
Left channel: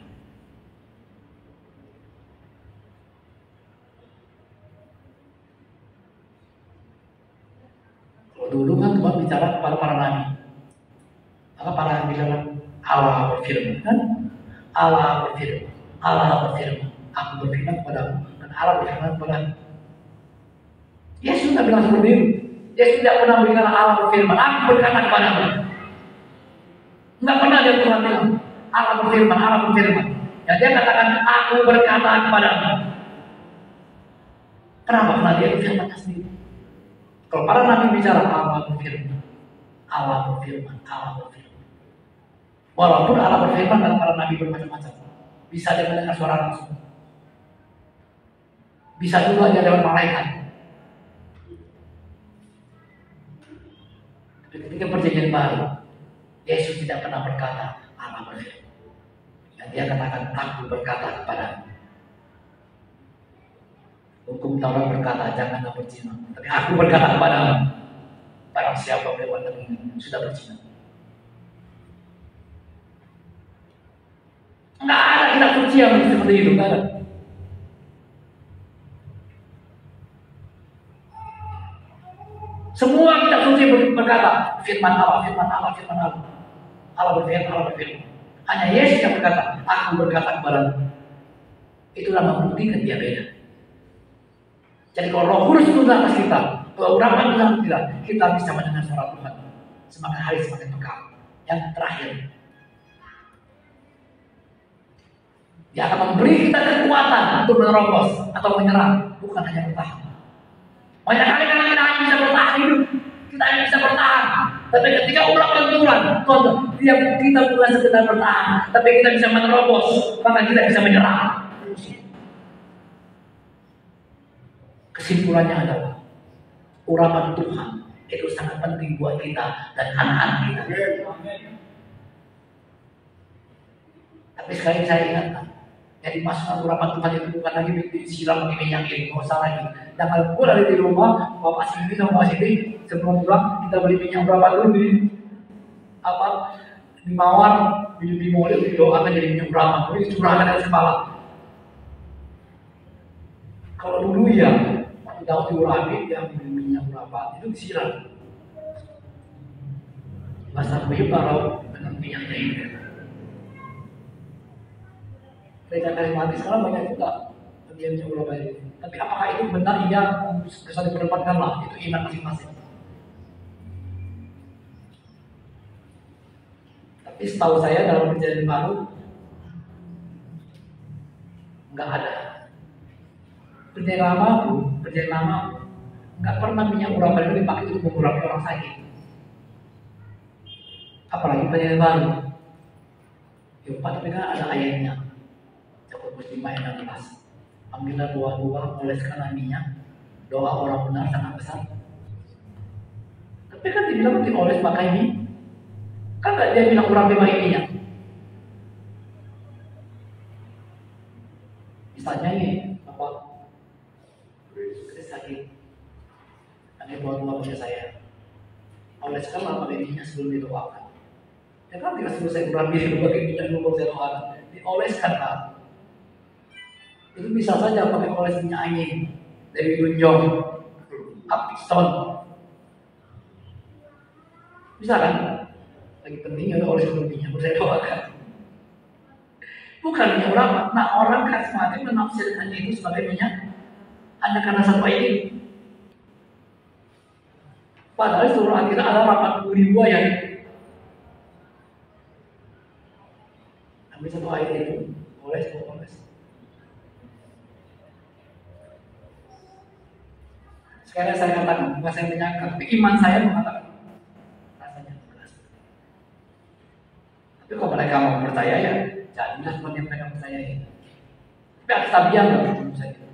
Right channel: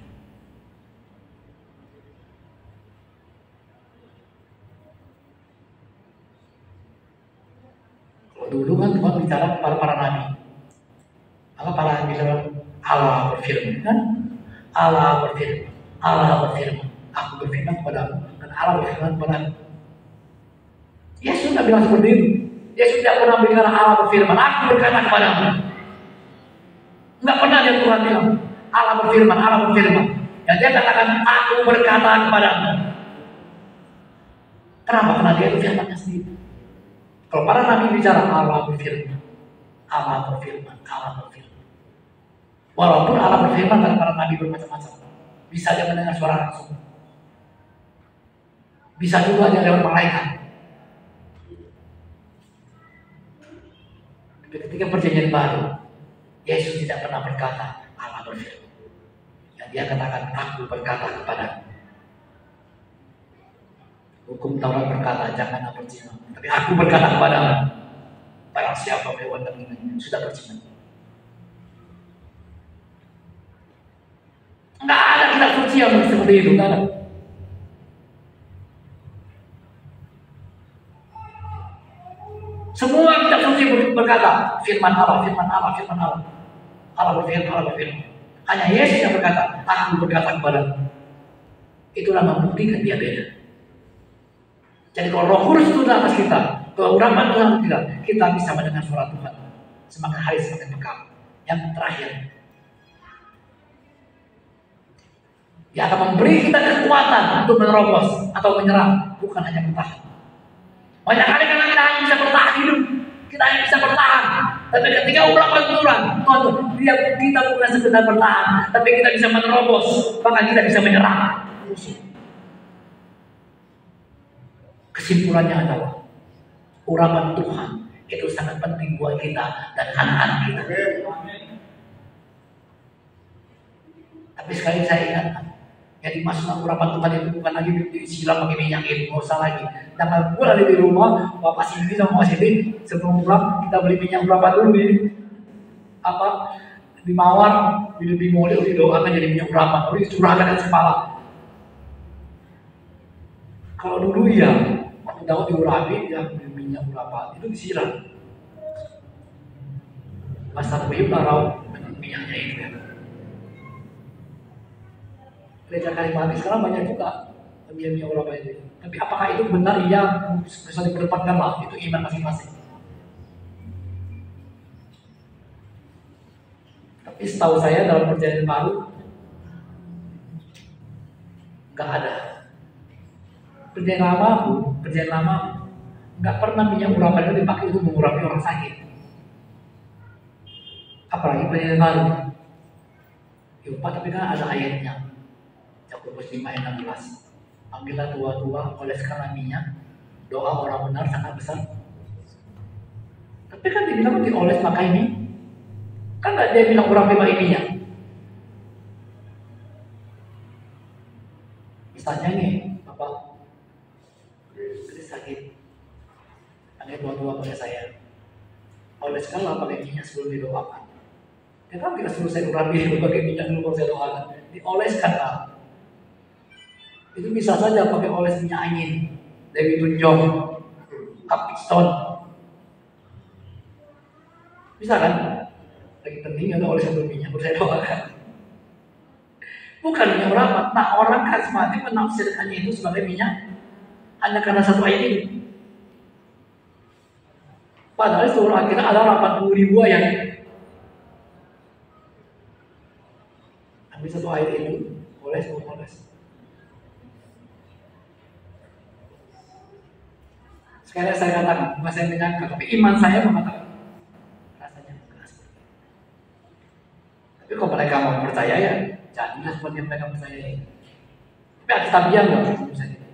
Kalau dulu kan Tuhan bicara kepada para nabi. Maka para nabi bilang Allah berfirman kan? Allah berfirman. Allah berfirman, aku berfirman kepadamu dan Allah berfirman kepadamu. Yesus tidak bilang seperti itu. Yesus tidak pernah bilang Allah berfirman, aku berkata kepadamu. Enggak pernah dia Tuhan bilang Allah berfirman, Allah berfirman. Ya dia katakan aku berkata kepadamu. Kenapa? Karena dia itu firmannya sendiri. Kalau para nabi bicara Allah berfirman, Allah berfirman, Allah berfirman. Walaupun Allah berfirman dan para nabi bermacam-macam. Bisa dia mendengar suara langsung. Bisa juga dia lewat malaikat. Ketika perjanjian baru, Yesus tidak pernah berkata Allah berfirman. Dan dia katakan aku berkata kepada. Hukum Taurat berkata janganlah berzina. Tapi aku berkata kepada barang siapa melakukan ini sudah berzina. Nggak ada kitab suci yang seperti itu, nggak ada. Semua kitab suci berkata firman Allah, firman Allah, firman Allah. Allah berfirman, Allah berfirman. Hanya Yesus yang berkata, aku berkata kepadamu. Itulah membuktikan dia beda. Jadi kalau Roh Kudus itu atas kita, urapan Tuhan kita bisa mendengar suara Tuhan. Semakin hari semakin dekat. Yang terakhir, dia akan memberi kita kekuatan untuk menerobos atau menyerang, bukan hanya bertahan. Banyak kali karena kita hanya bisa bertahan hidup, kita hanya bisa bertahan. Tapi ketika urapan Tuhan, kita bukan sekedar bertahan, tapi kita bisa menerobos, maka kita bisa menyerang. Kesimpulannya adalah urapan Tuhan itu sangat penting buat kita dan anak-anak kita. Tapi sekali saya ingatkan, yang dimasukkan urapan Tuhan itu bukan lagi disiram pakai minyak itu, nggak usah lagi. Dan kalau gue lagi di rumah, Bapak Sindi sama Mas Sindi sebelum pulang kita beli minyak berapa dulu di Mawar, di Molil, di doakan jadi minyak berapa, lalu dicurahkan dari kepala. Kalau dulu ya, waktu tahu diurapi dia beli minyak berapa, itu disiram. Masa kayu taruh dengan minyaknya itu. Gereja karismatik sekarang banyak juga minyak berapa itu. Tapi apakah itu benar? Iya, bisa diperdebatkan lah. Itu iman masing-masing. Tapi setahu saya dalam perjanjian baru nggak ada. Perjanjian lama nggak pernah minyak urapan itu dipakai untuk mengurapi orang sakit. Apalagi perjanjian baru. Ya Pak, tapi kan ada ayatnya. Yakobus 5 ayat 16. Ambillah tua-tua, oleskanlah minyak. Doa orang benar sangat besar. Tapi kan dibilang dioles pakai minyak. Kan nggak dia bilang urapi pakai minyak. Misalnya nih, Bapak sakit, ada tua-tua pada saya. Oleskanlah pakai minyak sebelum didoakan. Ya kan tidak selesai urapi itu pakai minyak dulu baru saya doakan. Dioleskan Pak. Itu bisa saja pakai oles minyak angin, Dewi Tunjong, Upstone. Bisa kan? Lagi penting ada oles minyak, baru saya doakan. Bukan minyak urapan. Nah orang karismatik menafsirkannya itu sebagai minyak hanya karena satu ayat ini. Padahal seluruh akhirnya ada 80.000 ayat. Tapi satu ayat itu boleh. Sekali saya katakan, bukan saya menyangka, tapi iman saya mengatakan rasanya jelas. Tapi kalau mereka mau percaya ya, jadilah seperti yang mereka percaya. Tapi ada tabian loh, misalnya.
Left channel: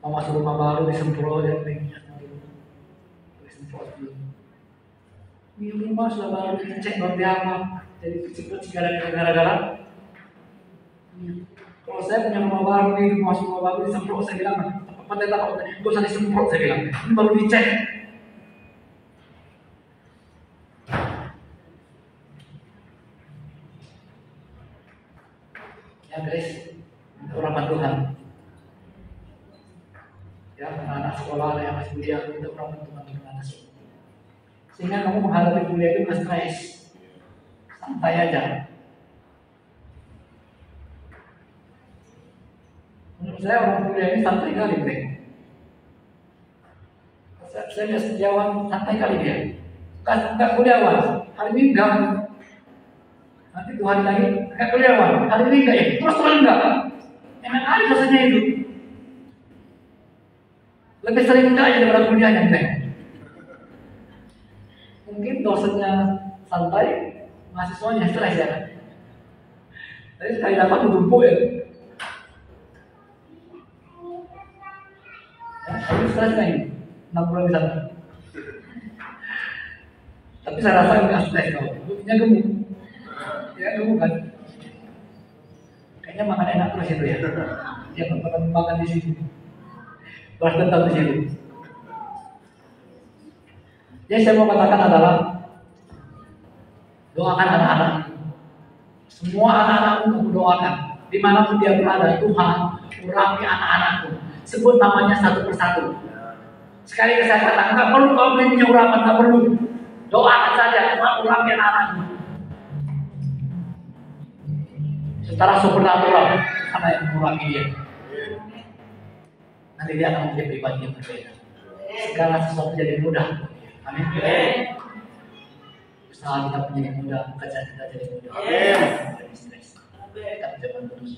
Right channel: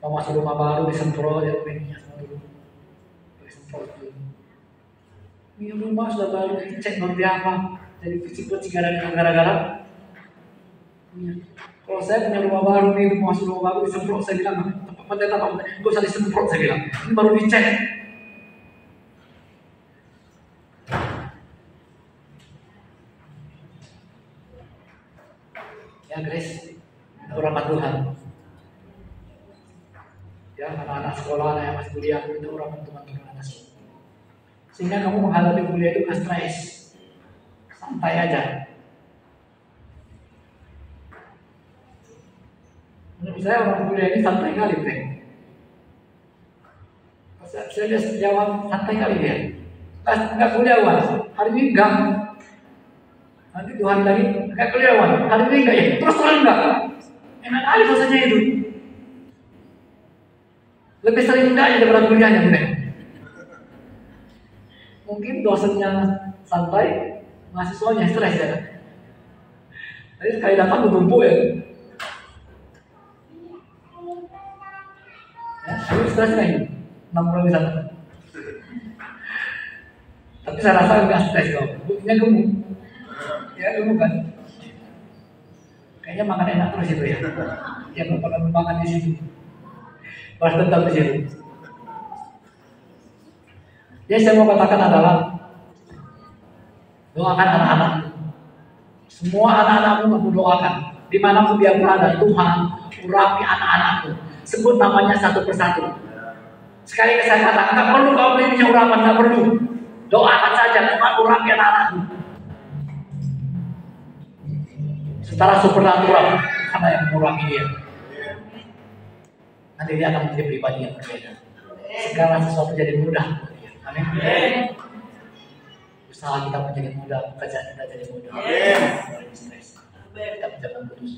Mau masuk rumah baru disemprot ya, minyak semua dulu, disemprot dulu. Ini rumah sudah baru dicek baru apa, jadi kecil-kecil gara-gara. Kalau saya punya rumah baru nih, masuk rumah baru disemprot, saya bilang apa gak usah disemprot, saya bilang ini baru dicek. Ya guys, itu rahmat Tuhan. Ya, anak-anak sekolah yang masih kuliah itu rahmat Tuhan sih. Sehingga kamu menghadapi kuliah itu gak stres, santai aja. Menurut saya orang kuliah ini santai kali, Bang. Saya lihat sejawat santai kali dia. Nggak kuliah hari ini enggak. Nanti 2 hari lagi nggak kuliah hari ini enggak ya. Terus terang enggak. Enak kali rasanya itu. Lebih sering enggak aja daripada kuliahnya, Bang. Mungkin dosennya santai, mahasiswanya stres ya. Jadi sekali dapat bertumpuk ya. Tapi stres kan 60 di sana. Tapi saya rasa enggak stres kok. Buktinya gemuk. Ya gemuk kan. Kayaknya makan enak terus itu ya. Dia makan di situ. Balas dendam di situ. Jadi saya mau katakan adalah doakan anak-anak. Semua anak-anakmu kamu doakan. Dimanapun dia berada, Tuhan urapi anak-anakmu. Sebut namanya satu persatu. Sekali saya katakan, nggak perlu kamu punya urapan, nggak perlu. Doakan saja, Tuhan urapi anak-anakmu. Secara supernatural, karena yang mengurapi dia. Nanti dia akan menjadi pribadi yang berbeda. Segala sesuatu jadi mudah. Amin. Usaha kita menjadi mudah, pekerjaan kita jadi mudah. Amin. Kita berjalan terus.